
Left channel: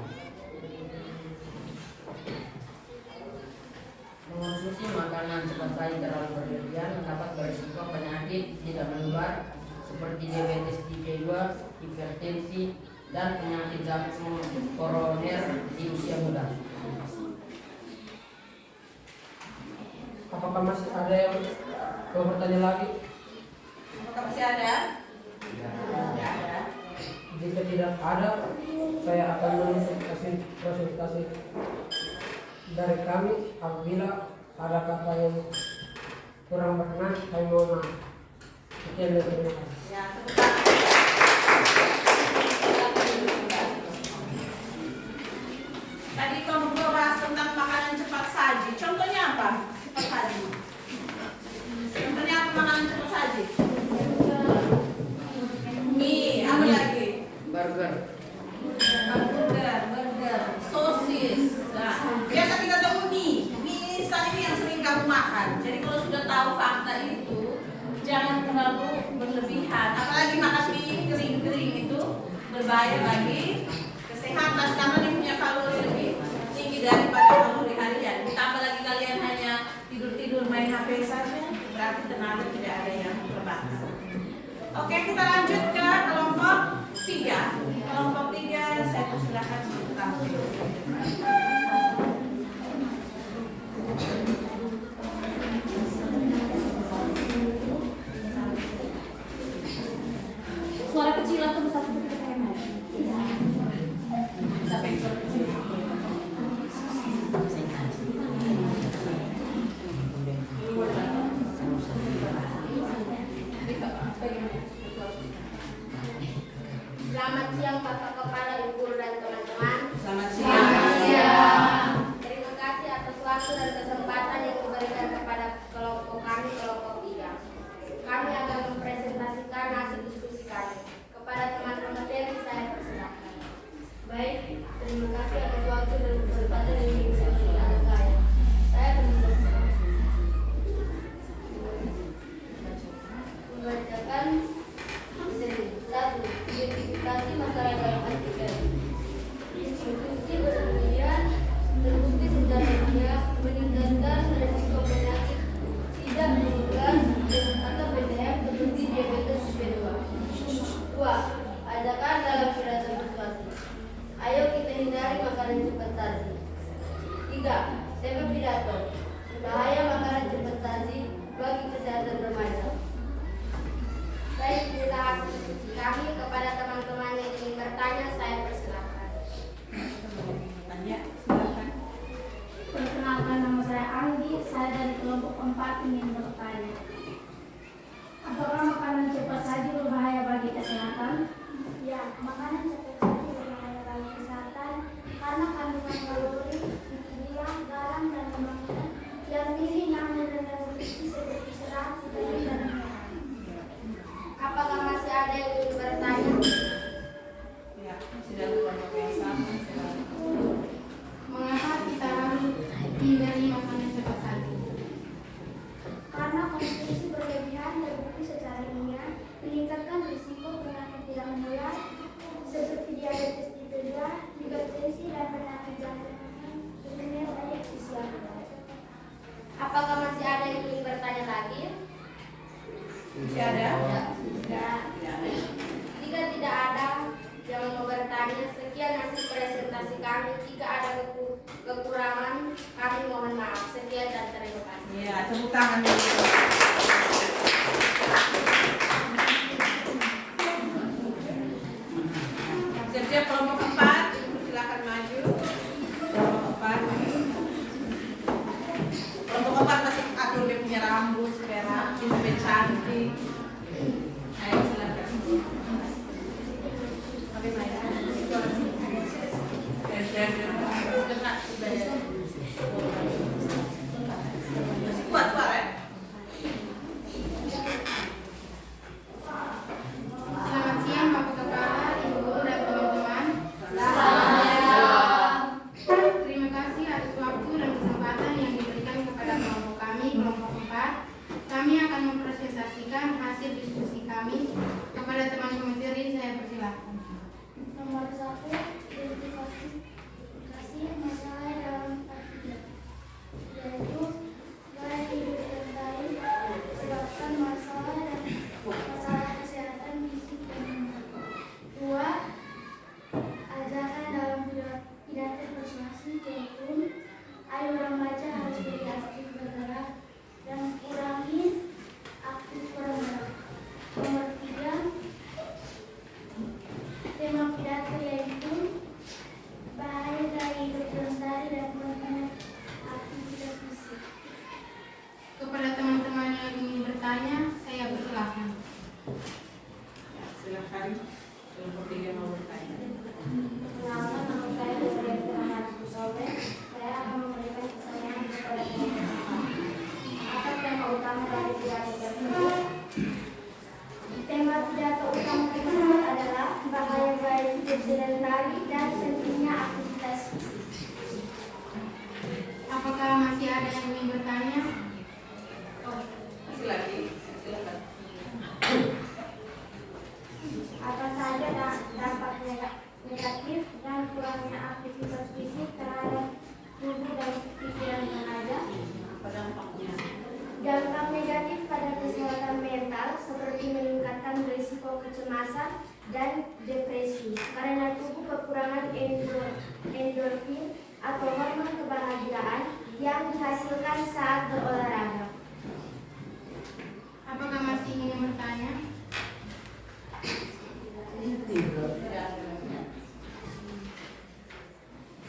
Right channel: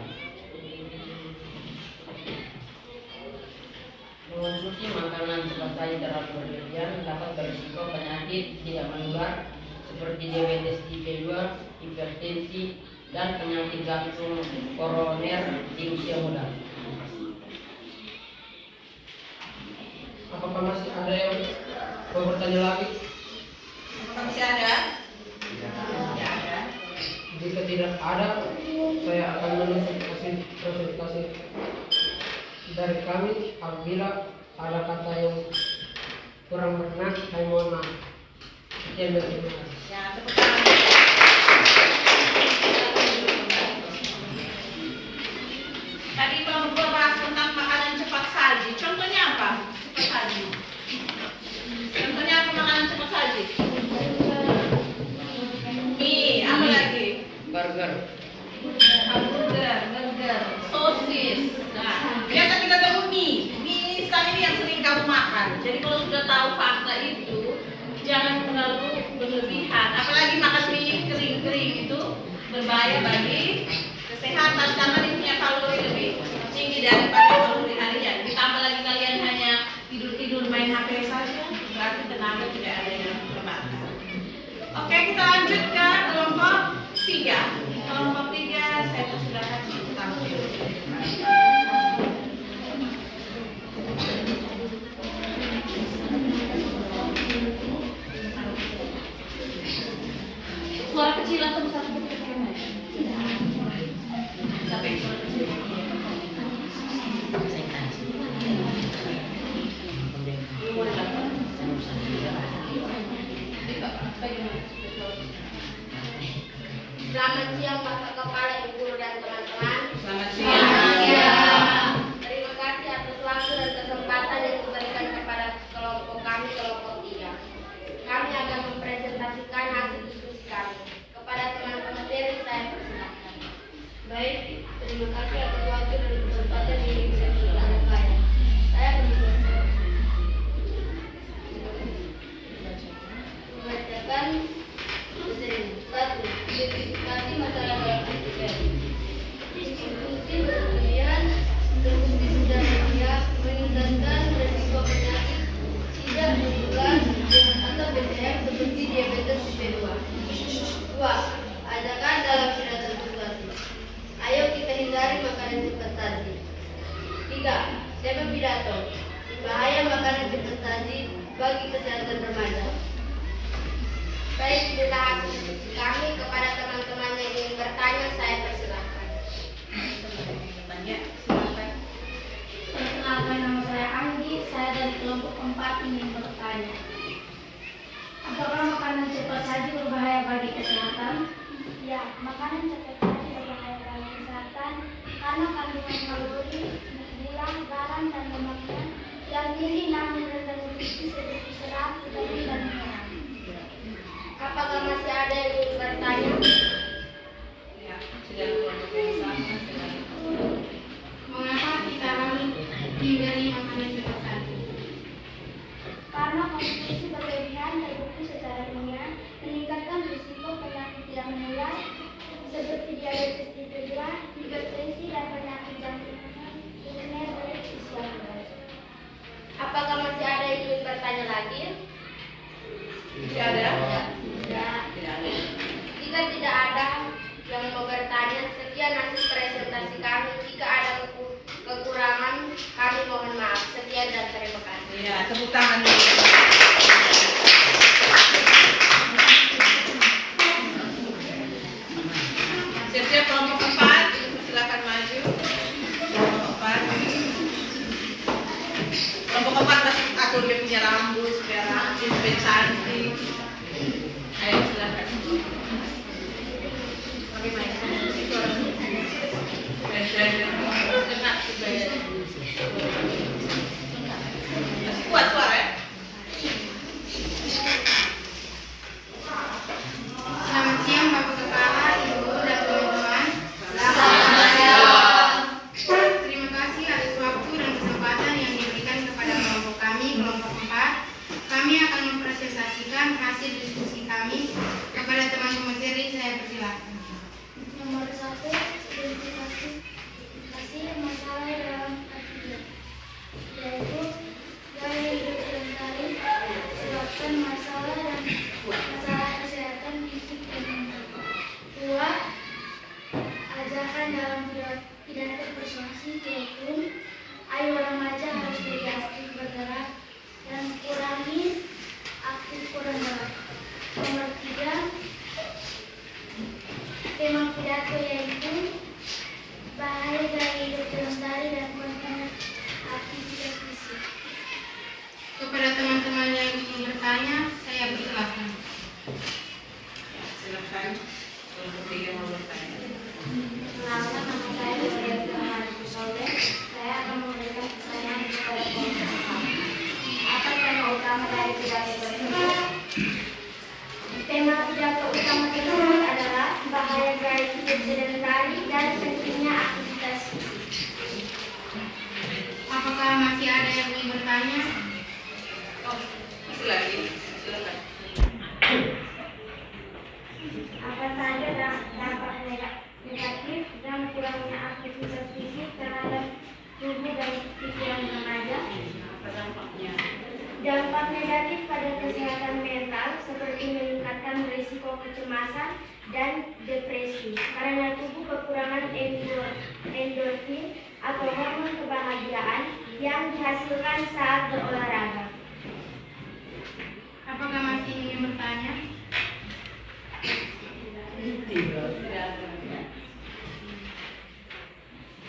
Mengonsumsi makanan cepat saji terlalu berlebihan dapat berisiko penyakit tidak menular seperti diabetes tipe 2, hipertensi, dan penyakit jantung koroner di usia muda. Apakah masih ada yang mau bertanya lagi? Apakah masih ada? Ya ada. Jika tidak ada, saya akan menutup presentasi dari kami. Apabila ada kata yang kurang berkenan, saya mohon maaf. Sekian dan terima kasih. Ya, tepuk tangan. Tadi kelompok 2 bahas tentang makanan cepat saji. Contohnya apa? Cepat saji. Contohnya apa makanan cepat saji? Mie, apa lagi? Burger. Burger, sosis. Nah, biasa kita tahu mie. Mie instan ini yang sering kamu makan. Jadi kalau sudah tahu fakta itu, jangan terlalu berlebihan. Apalagi makan mie kering-kering itu berbahaya bagi kesehatan karena dia punya kalori lebih tinggi daripada kalori harian. Ditambah lagi kalian hanya tidur-tidur main HP saja, berarti tenaga tidak ada yang terbatas. Oke, kita lanjut ke kelompok 3. Kelompok 3, saya persilakan tampil. Suara kecil atau besar sedikit kemen? Sampai suara kecil. Selamat siang Bapak Kepala, Ibu Guru dan teman-teman. Selamat siang. Terima kasih atas waktu dan kesempatan yang diberikan kepada kelompok kami, kelompok 3. Kami akan mempresentasikan hasil diskusi kami. Kepada teman-teman materi saya persilakan. Baik, terima kasih atas waktu dan kesempatan yang diberikan kepada saya. Saya membacakan materi. 1. Identifikasi masalah dalam antigen. Konsumsi berlebihan terbukti sudah meningkatkan resiko penyakit tidak menular atau BDM seperti diabetes tipe 2. 2. Ajakan dalam pidato persuasi. Ayo kita hindari makanan cepat saji. 3. Tema pidato. Bahaya makanan cepat saji bagi kesehatan remaja. Baik, inilah hasil diskusi kami. Kepada teman-teman yang ingin bertanya, saya persilakan. Tanya, silakan. Perkenalkan, nama saya Anggi, saya dari kelompok 4 ingin bertanya. Apakah makanan cepat saji berbahaya bagi kesehatan? Ya, makanan cepat saji berbahaya bagi kesehatan karena kandungan kalori, gula, garam, dan lemaknya yang tinggi namun rendah nutrisi seperti serat, protein, dan mineral. Apakah masih ada yang ingin bertanya? Ya, sudah kelompok yang sama, silakan. diskusi ada? Tidak. Tidak ada. Jika tidak ada yang mau bertanya, sekian hasil presentasi kami. Jika ada kekurangan, kami mohon maaf. Sekian dan terima kasih. Ya, tepuk tangan dulu. Siap-siap kelompok 4, silakan maju. Kelompok 4. Kelompok 4 masih atur dia punya rambut, supaya rapi, supaya cantik. Ayo silakan. Kami main. Masih kuat suara ya? Selamat siang Bapak Kepala, Ibu Guru dan teman-teman. Selamat siang. Terima kasih atas waktu dan kesempatan yang diberikan kepada kelompok kami, kelompok 4. Kami akan mempresentasikan hasil diskusi kami kepada teman pemateri. Saya persilahkan. Nomor 1, identifikasi masalah dalam akibat, yaitu gaya hidup lestari, sebabkan masalah kesehatan fisik dan mental. 2. Ajakan dalam pidato persuasi kurikulum, ayo remaja harus jadi aktif bergerak dan kurangi aktif kurang gerak. Nomor 3, tema pidato yaitu bahaya gaya hidup lestari dan pentingnya aktivitas fisik. Kepada teman-teman yang ingin bertanya, saya persilahkan. Ya, silakan. Kelompok 3 mau bertanya. Perkenalkan, nama saya Gloria Firmansyah Soleh. Saya akan memberikan pertanyaan kepada kelompok. Apa tema utama dari pidato tersebut? Tema pidato utama tersebut adalah bahaya gaya hidup sedentari dan pentingnya aktivitas fisik. Apakah masih ada yang ingin bertanya? Oh, masih lagi. Silakan. Apa saja dampak negatif dan kurangnya aktivitas fisik terhadap tubuh dan pikiran remaja? Apa dampaknya? Dampak negatif pada kesehatan mental seperti meningkatkan risiko kecemasan dan depresi karena tubuh kekurangan endorfin atau hormon kebahagiaan yang dihasilkan saat berolahraga. Apakah masih ingin bertanya?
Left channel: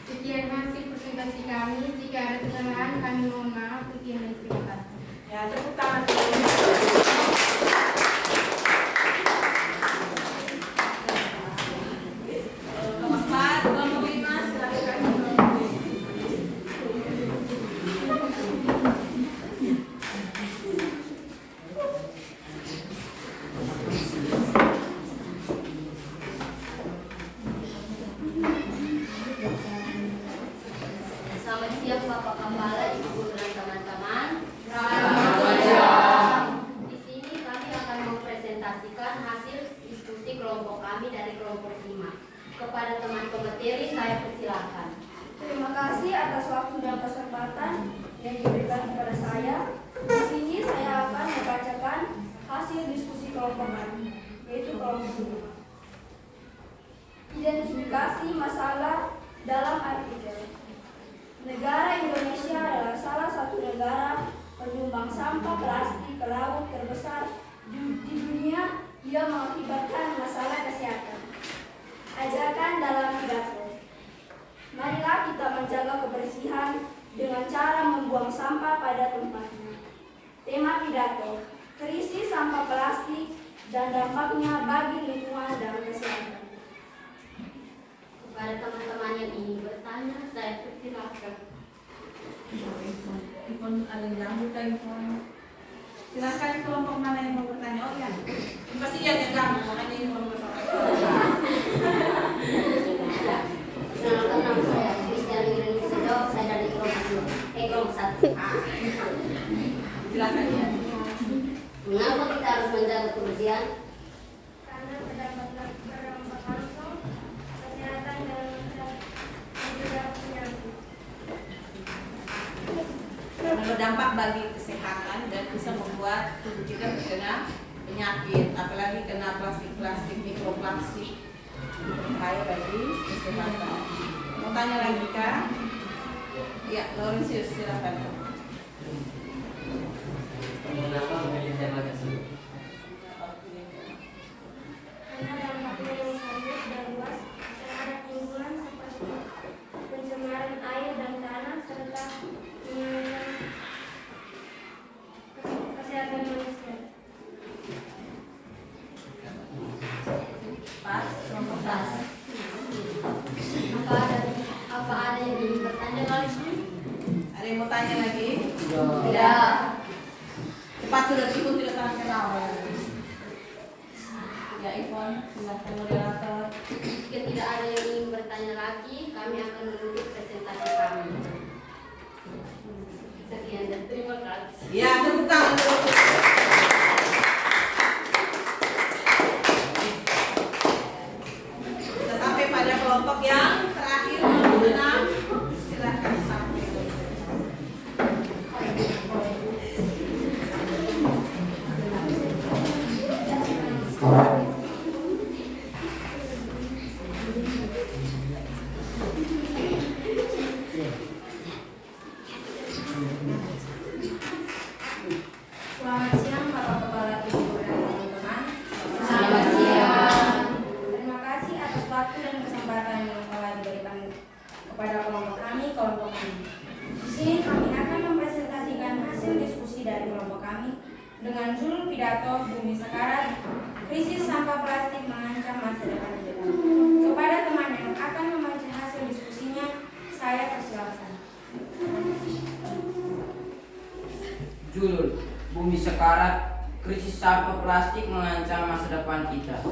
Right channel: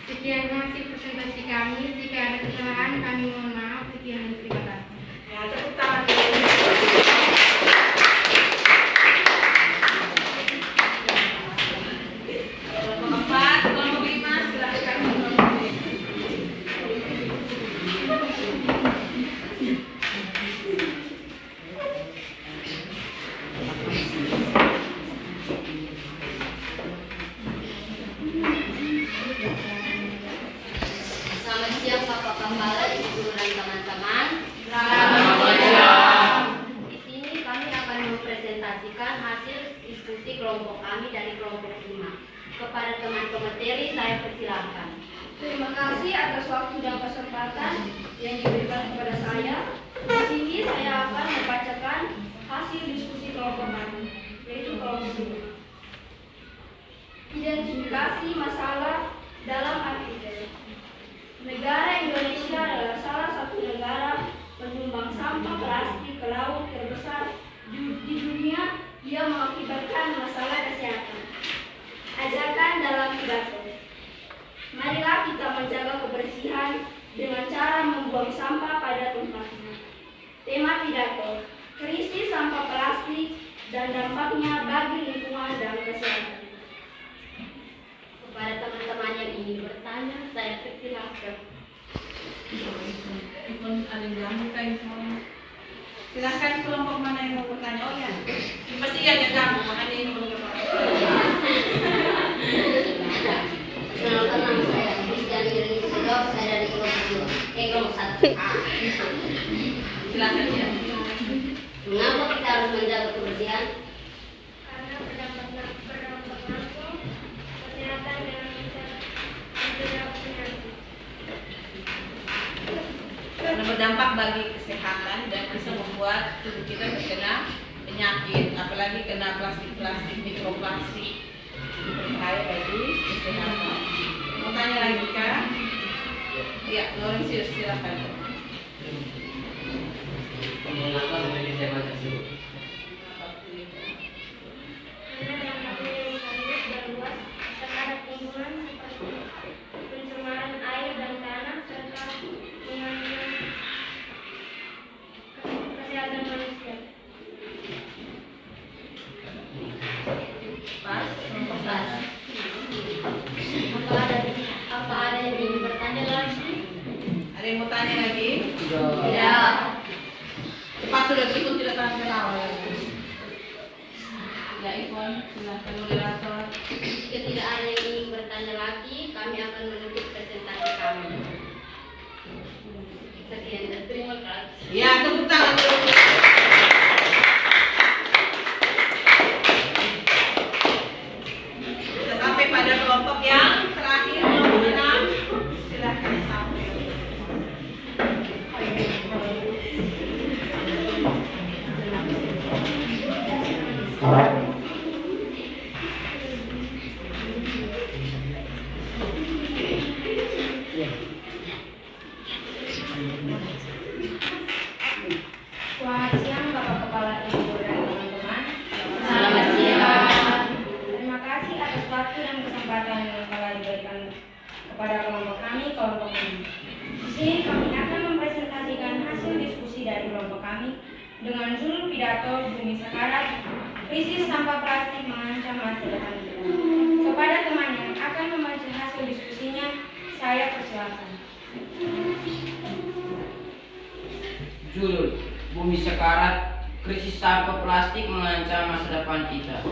Sekian hasil presentasi kami. Jika ada kesalahan, kami mohon maaf. Sekian dan terima kasih. Ya, tepuk tangan dulu. Kelompok 4, kelompok 5, silakan. Selamat siang Bapak Kepala, Ibu Guru dan teman-teman. Di sini kami akan mempresentasikan hasil diskusi kelompok kami dari kelompok 5. Kepada teman pemateri saya persilahkan. Terima kasih atas waktu dan kesempatan yang diberikan kepada saya. Di sini saya akan membacakan hasil diskusi kelompok kami, yaitu kelompok 5. Identifikasi masalah dalam artikel. Negara Indonesia adalah salah satu negara penyumbang sampah plastik ke laut terbesar di dunia. Dia mengakibatkan masalah kesehatan. Ajakan dalam pidato. Marilah kita menjaga kebersihan dengan cara membuang sampah pada tempatnya. Tema pidato, krisis sampah plastik dan dampaknya bagi lingkungan dan kesehatan. Kepada teman-teman yang ingin bertanya, saya persilahkan. Ada yang jamu kain semua. Silakan kelompok mana yang mau bertanya? Oh ya, pasti ada jamu. Makanya ini mau bertanya. Perkenalkan, nama saya Kristiani Renisio, saya dari kelompok 1. Silakan ya. Mengapa kita harus menjaga kebersihan? Karena berdampak langsung kesehatan dan mencegah penyakit. Karena berdampak bagi kesehatan dan bisa membuat tubuh kita terkena penyakit, apalagi kena plastik-plastik, mikroplastik, berbahaya bagi kesehatan. Mau tanya lagi kah? Ya, Laurentius silakan. Mengapa memilih tema tersebut? Karena dampaknya yang serius dan luas terhadap lingkungan seperti pencemaran air dan tanah serta mengancam kesehatan manusia. Pas, nomor pas. Apa ada yang ingin bertanya lagi? Ada yang mau tanya lagi? Tidak. Cepat sudah ikut tidak tahan kenal. Ya, Ipon, silakan moderator. Jika tidak ada yang ingin bertanya lagi, kami akan menutup presentasi kami. Sekian dan terima kasih. Ya, tepuk tangan dulu. Kita sampai pada kelompok yang terakhir, kelompok 6. Silakan sampai. Selamat siang Bapak Kepala Ibu dan teman-teman. Selamat siang. Terima kasih atas waktu dan kesempatan yang telah diberikan kepada kelompok kami, kelompok ini. Di sini kami akan mempresentasikan hasil diskusi dari kelompok kami dengan judul pidato Bumi Sekarat, krisis sampah plastik mengancam masa depan kita. Kepada teman yang akan membaca hasil diskusinya, saya persilakan. Judul Bumi Sekarat, krisis sampah plastik mengancam masa depan kita.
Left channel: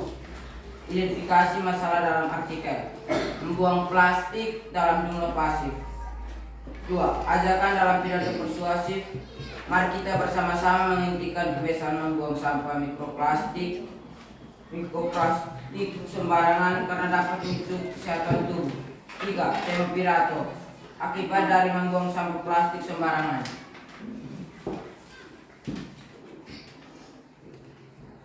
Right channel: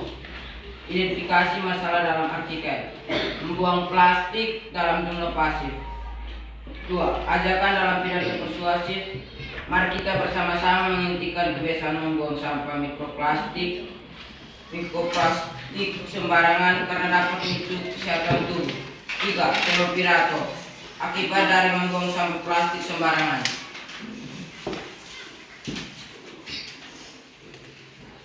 Identifikasi masalah dalam artikel. Membuang plastik dalam jumlah pasif. 2. Ajakan dalam pidato persuasif. Mari kita bersama-sama menghentikan kebiasaan membuang sampah mikroplastik sembarangan karena dapat memicu kesehatan tubuh. 3. Tema pidato. Akibat dari membuang sampah plastik sembarangan.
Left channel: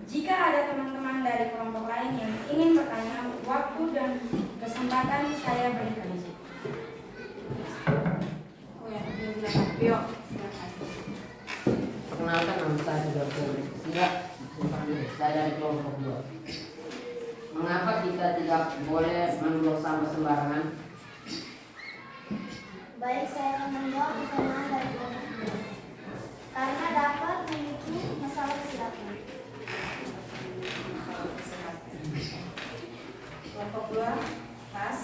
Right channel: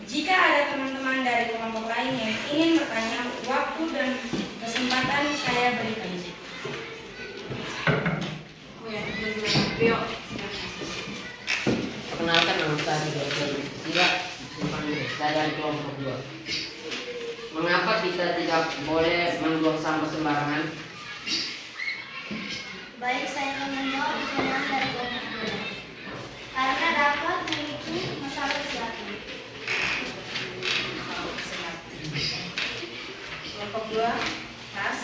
Jika ada teman-teman dari kelompok lain yang ingin bertanya, waktu dan kesempatan saya berikan. Perkenalkan nama saya Dr. Sila, saya dari kelompok 2. Mengapa kita tidak boleh membuang sampah sembarangan? Baik, saya akan menjawab pertanyaan dari kelompok dua. Karena dapat memicu masalah kesehatan. Kelompok 2, pas.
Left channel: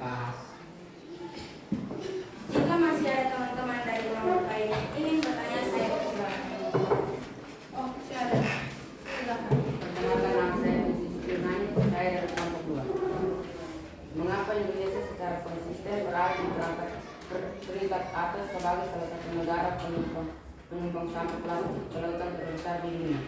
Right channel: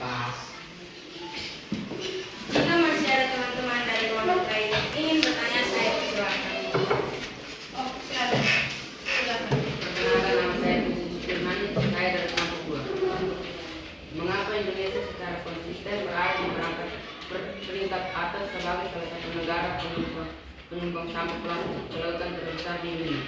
Pas. Jika masih ada teman-teman dari kelompok lain yang ingin bertanya, saya persilakan. Oh, silakan. Silakan. Perkenalkan nama saya Khusus Firmani, saya dari kelompok 2. Mengapa Indonesia secara konsisten berada di peringkat atas sebagai salah satu negara penyumbang sampah plastik ke lautan terbesar di dunia?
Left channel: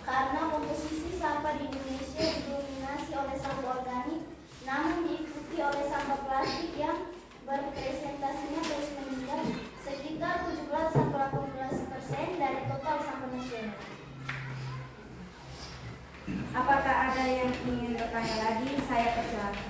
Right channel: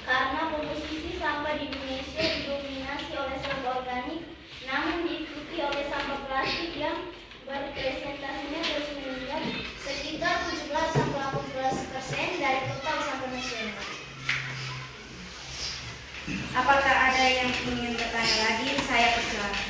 Karena komposisi sampah di Indonesia didominasi oleh sampah organik, namun diikuti oleh sampah plastik yang berpresentasinya terus meningkat sekitar 17-18% dari total sampah nasional. Apakah ada yang ingin bertanya lagi? Saya persilakan.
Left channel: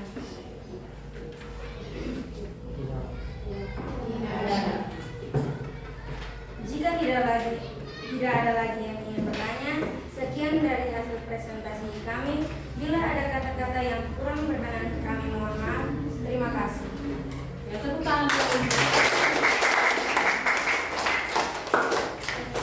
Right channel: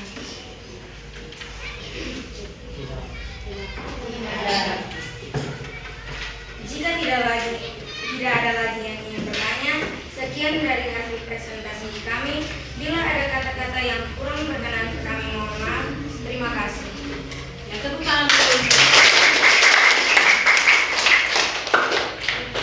Jika tidak ada lagi yang ingin bertanya, sekian dari hasil presentasi kami. Bila ada kata-kata yang kurang berkenan, kami mohon maaf. Terima kasih. Ya, tepuk tangan dulu.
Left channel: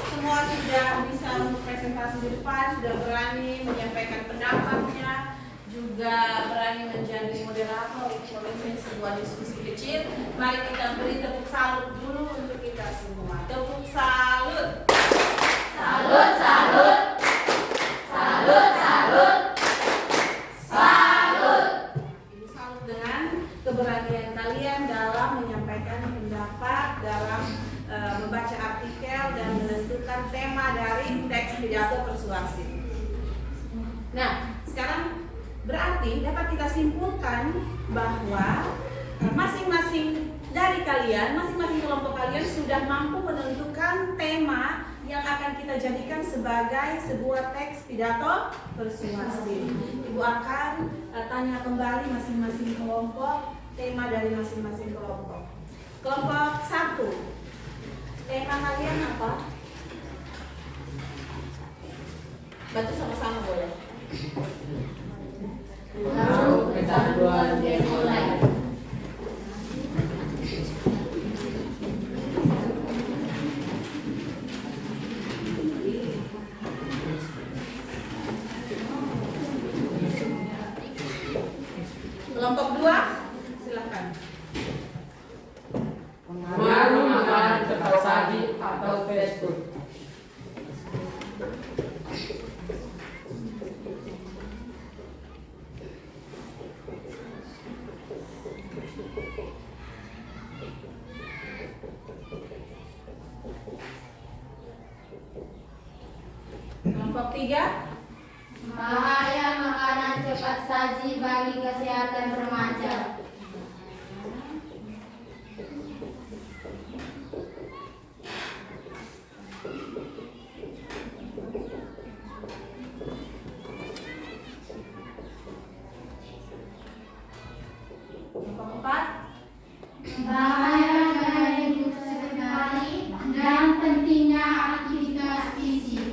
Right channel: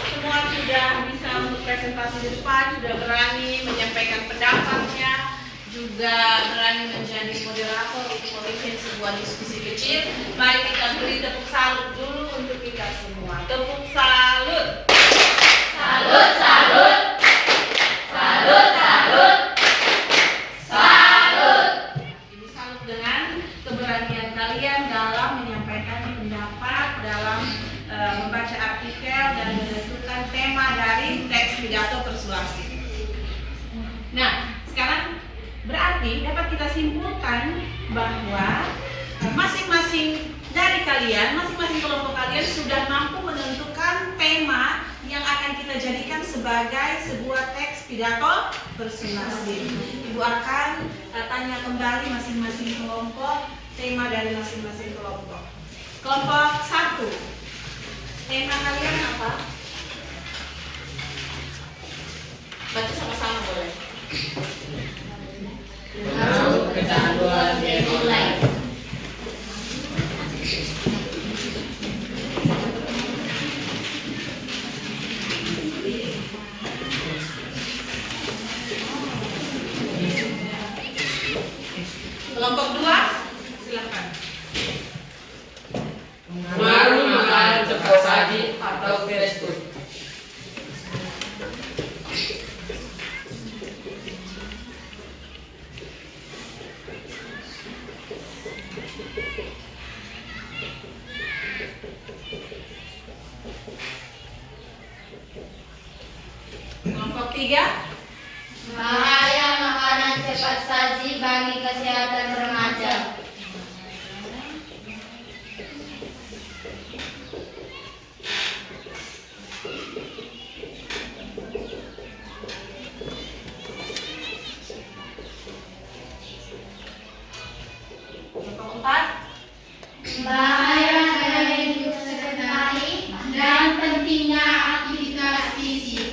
Semua sudah bisa untuk presentasi di depan, sudah berani menyampaikan pendapatnya, juga berani menjadi moderator untuk memimpin sebuah diskusi kecil. Mari kita beri tepuk salut dulu untuk kita semua. Tepuk salut. Salut, salut. Salut, salut. Salut. Ini salut dengan keberanian kalian dalam menyampaikan pendapat, dalam membaca artikel dan menentukan tema dari teks pidato persuasif. Nah, sekarang berarti dapat kita simpulkan bahwa masing-masing dari kalian, masing-masing kelompok kalian sudah mampu menentukan tema yang akan kita jadikan sebagai sebuah teks pidato persuasif. Ibu akan tanya kembali masing-masing kelompok, tema dari masing-masing kelompok. Kelompok 1, tema kalian apa? Baca sama-sama boleh. Kecanduan game online. Kelompok 2, silakan. Pengaruh makanan cepat saji atau fast food. Kelompok 3, Bahaya makanan cepat saji bagi kesehatan remaja. kelompok 4, Bahaya gaya hidup sedentari dan pentingnya aktivitas fisik.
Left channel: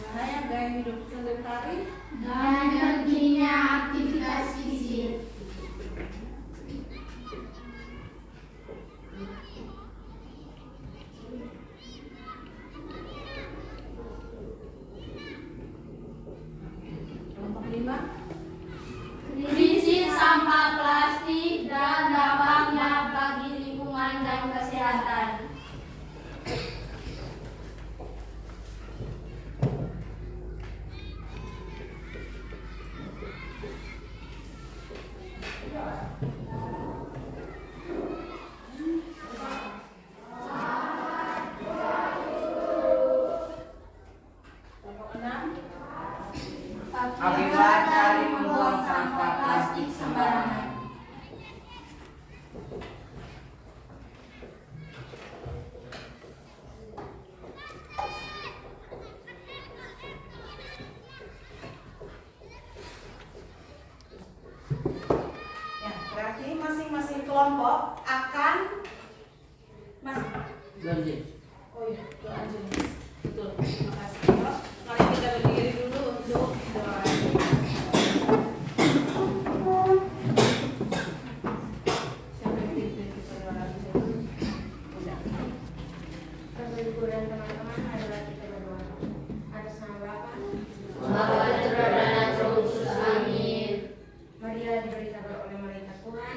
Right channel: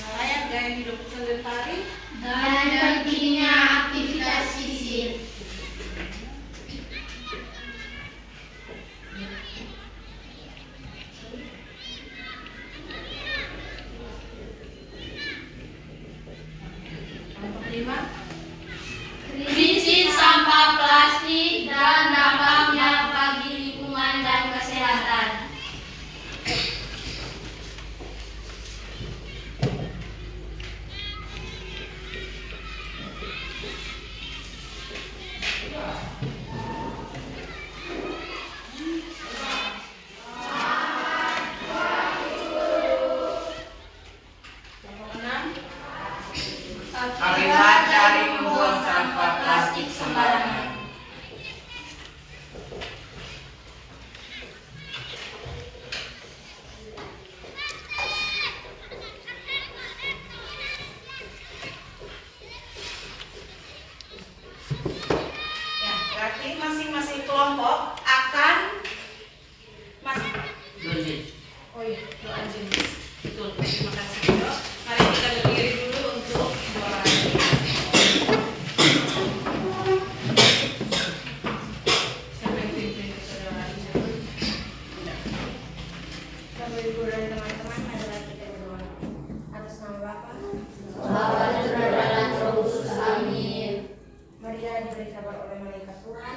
bahaya gaya hidup sedentari. Dan pentingnya aktivitas fisik. Kelompok 5, Krisis sampah plastik dan dampaknya bagi lingkungan dan kesehatan. kelompok 6, Akibat dari membuang sampah plastik sembarangan. ya, berarti masing-masing kelompok akan Lanjut. Oh iya, doa jenis. Betul, terima kasih. Dok. Mari kita berdiri dulu untuk doa jenis. Siapa yang pimpin kita doa jenis? Bapak Ibu dan teman-teman, adalah kita berdoa atas nama Bapa, Bapa dan Putra dan Roh Kudus. Amin. marilah diberitakan oleh malaikat Tuhan.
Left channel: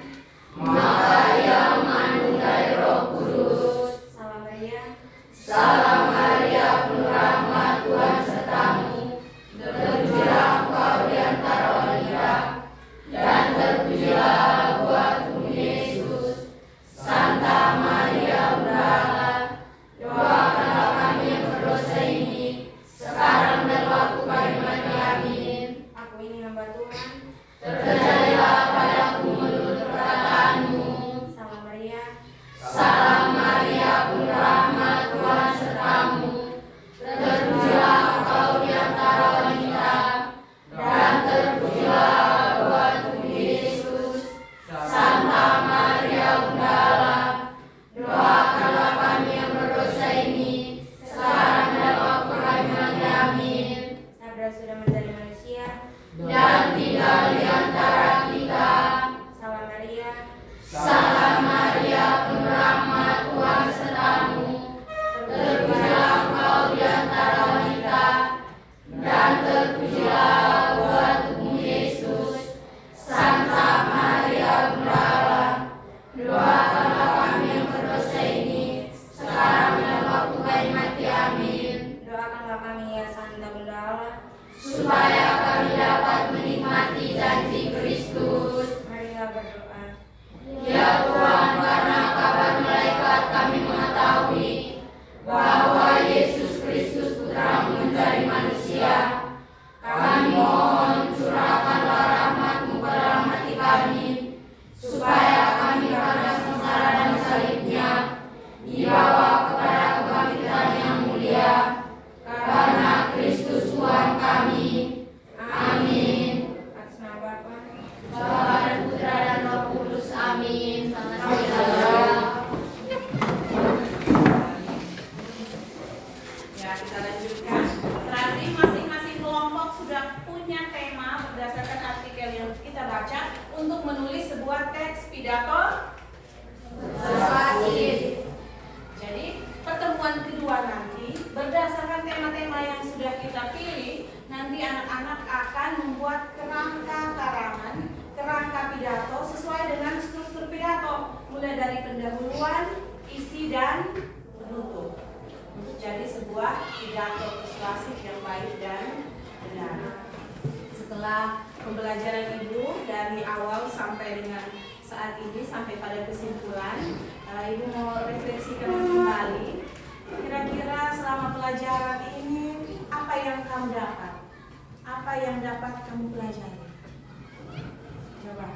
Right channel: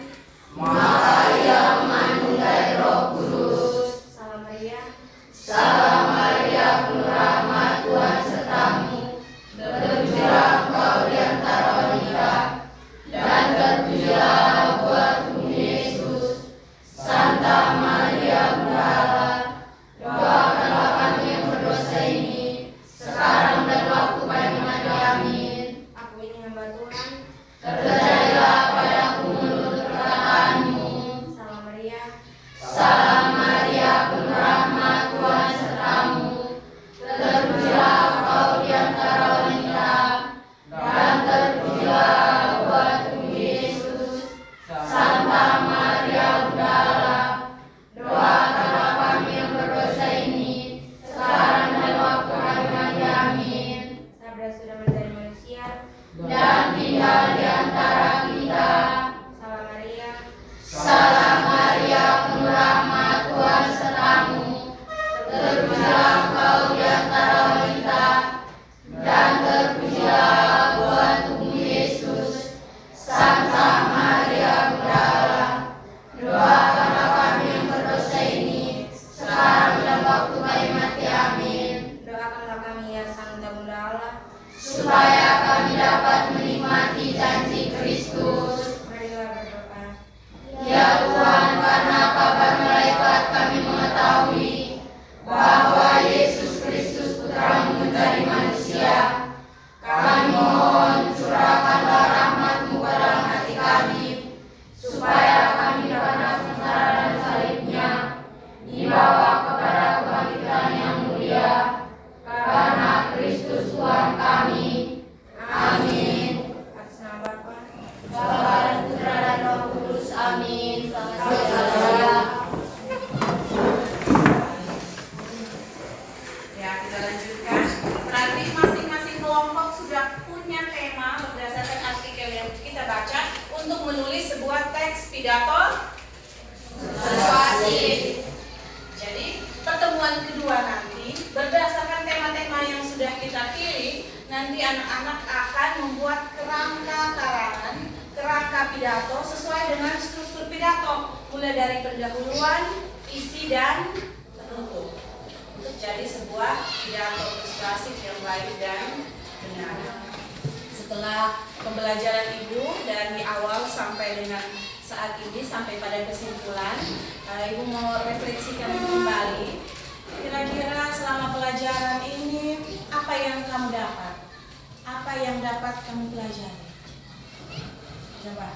Maka ia mengandung dari Roh Kudus. Salam Maria, Salam Maria, penuh rahmat, Tuhan sertamu. Terpujilah engkau di antara wanita, dan terpujilah buah tubuh Yesus. Santa Maria, Bunda Allah, doakanlah kami yang berdosa ini, sekarang dan waktu kami mati. Amin. aku ini hamba Tuhan. Terjadilah padaku menurut perkataanmu. Salam Maria, Salam Maria, penuh rahmat, Tuhan sertamu. kita baca untuk menulis sebuah teks pidato Persuasif. Jadi pertemuan kedua nanti berdasarkan tema-tema yang sudah kita pilih, nanti anak-anak akan membuat kerangka karangan, kerangka pidato sesuai dengan struktur pidato, mulai dari pendahuluan, isi dan penutup. Untuk jadi sebuah pidato persuasif yang baik dan benar. Setelah pembelajaran Ibu dari awal sampai dengan saat ini sampai pada kesimpulan, Ibu mau refleksikan kembali. Kira-kira selama pelajaran ini apa yang kamu dapat? Apa yang dapat kamu pelajari? Coba.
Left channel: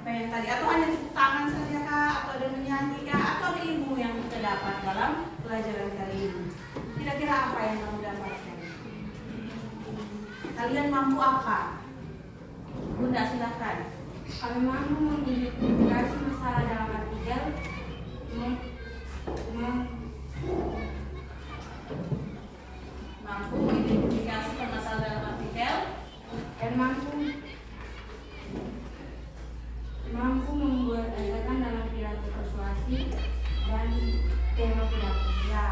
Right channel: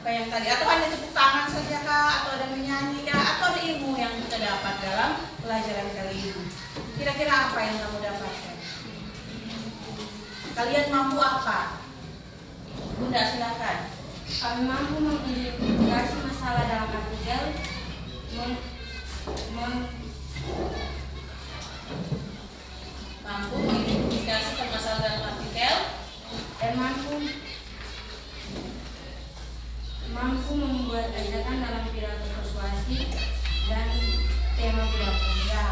Apa yang tadi? Atau hanya tepuk tangan saja kah? Atau ada menyanyi kah? Atau ada ilmu yang kita dapat dalam pelajaran kali ini? Kira-kira apa yang kamu dapatkan? Kalian mampu apa? Bunda silakan. Kami mampu mengidentifikasi masalah dalam artikel, Mampu mengidentifikasi permasalahan dalam artikel dan mampu membuat ajakan dalam pidato persuasif dan tema pidato. ya.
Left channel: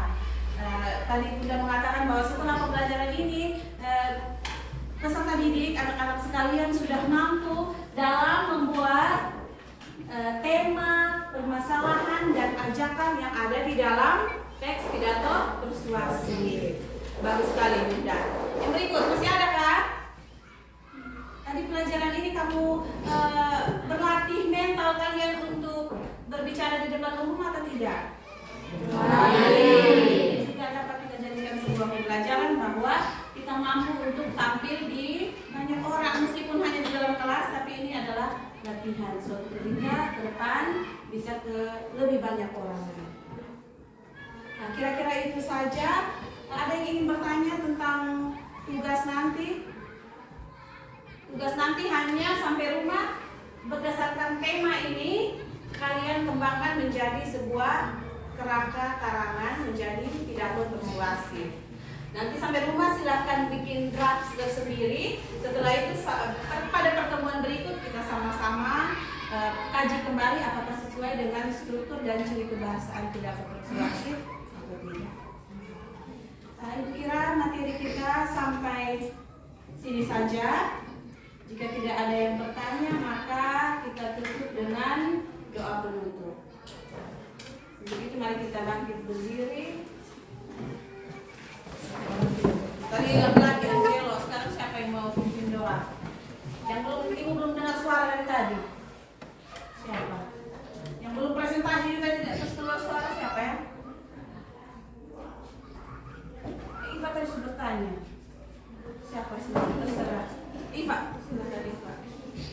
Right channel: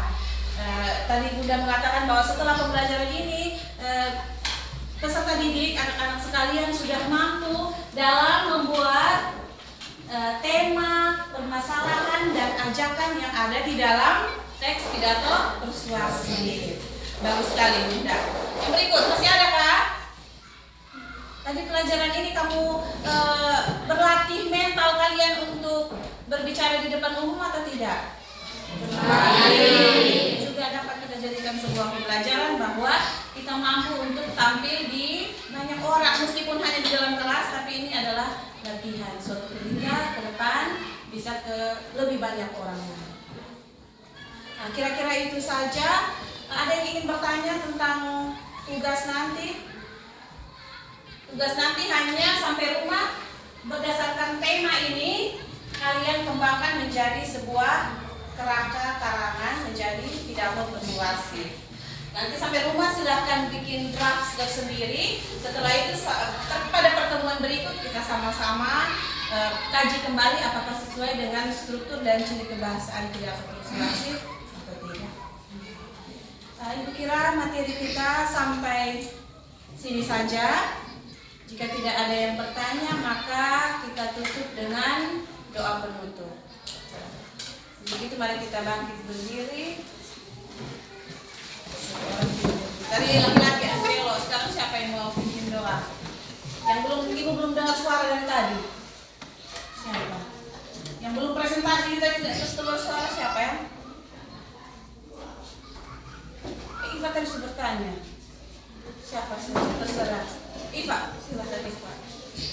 Tadi Bunda mengatakan bahwa setelah pembelajaran ini peserta didik, anak-anak sekalian sudah mampu dalam membuat tema, permasalahan dan ajakan yang ada di dalam teks pidato persuasif. Bagus sekali Bunda. Yang berikut masih ada kah? Tadi pelajaran ini kamu berlatih mental kalian untuk berbicara di depan umum atau tidak? Juga dapat kita jadikan sebuah pembelajaran bahwa kita mampu untuk tampil di banyak orang meskipun hanya di dalam kelas, tapi ini adalah latihan suatu ketika ke depan bisa ke lebih banyak orang. Nah, kira-kira itu saja. Ada yang ingin bertanya tentang tugas nanti? Tugas nanti hanya sampai rumah berdasarkan tema ini kalian kembangkan menjadi sebuah kerangka karangan menjadi pidato persuasif. Nanti sampai rumah silahkan bikin draft tersendiri. Setelah itu pada pertemuan berikut kita sama-sama kaji kembali apakah sesuai dengan struktur dan ciri kebahasaan pidato persuasif atau tidak. Ibu kira materi kita sampai sini saja. Jika tidak ada yang bertanya, maka kita tutup dengan doa penutup. Begitu, mari kita bangkit berdiri. Dari laki-laki Angelo, sekarang siapa yang mau pimpin doa? Yang ibu belum dengar suara dari tadi. Siapa? Yang belum presentasi tadi tidak keluar suara siapa ya? Iva tadi sudah bertanya. Siapa sih? Terserah. Iva, silakan Iva.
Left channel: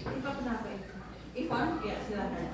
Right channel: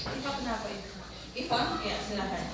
Iva kenapa Iva? Ivan, ya silakan.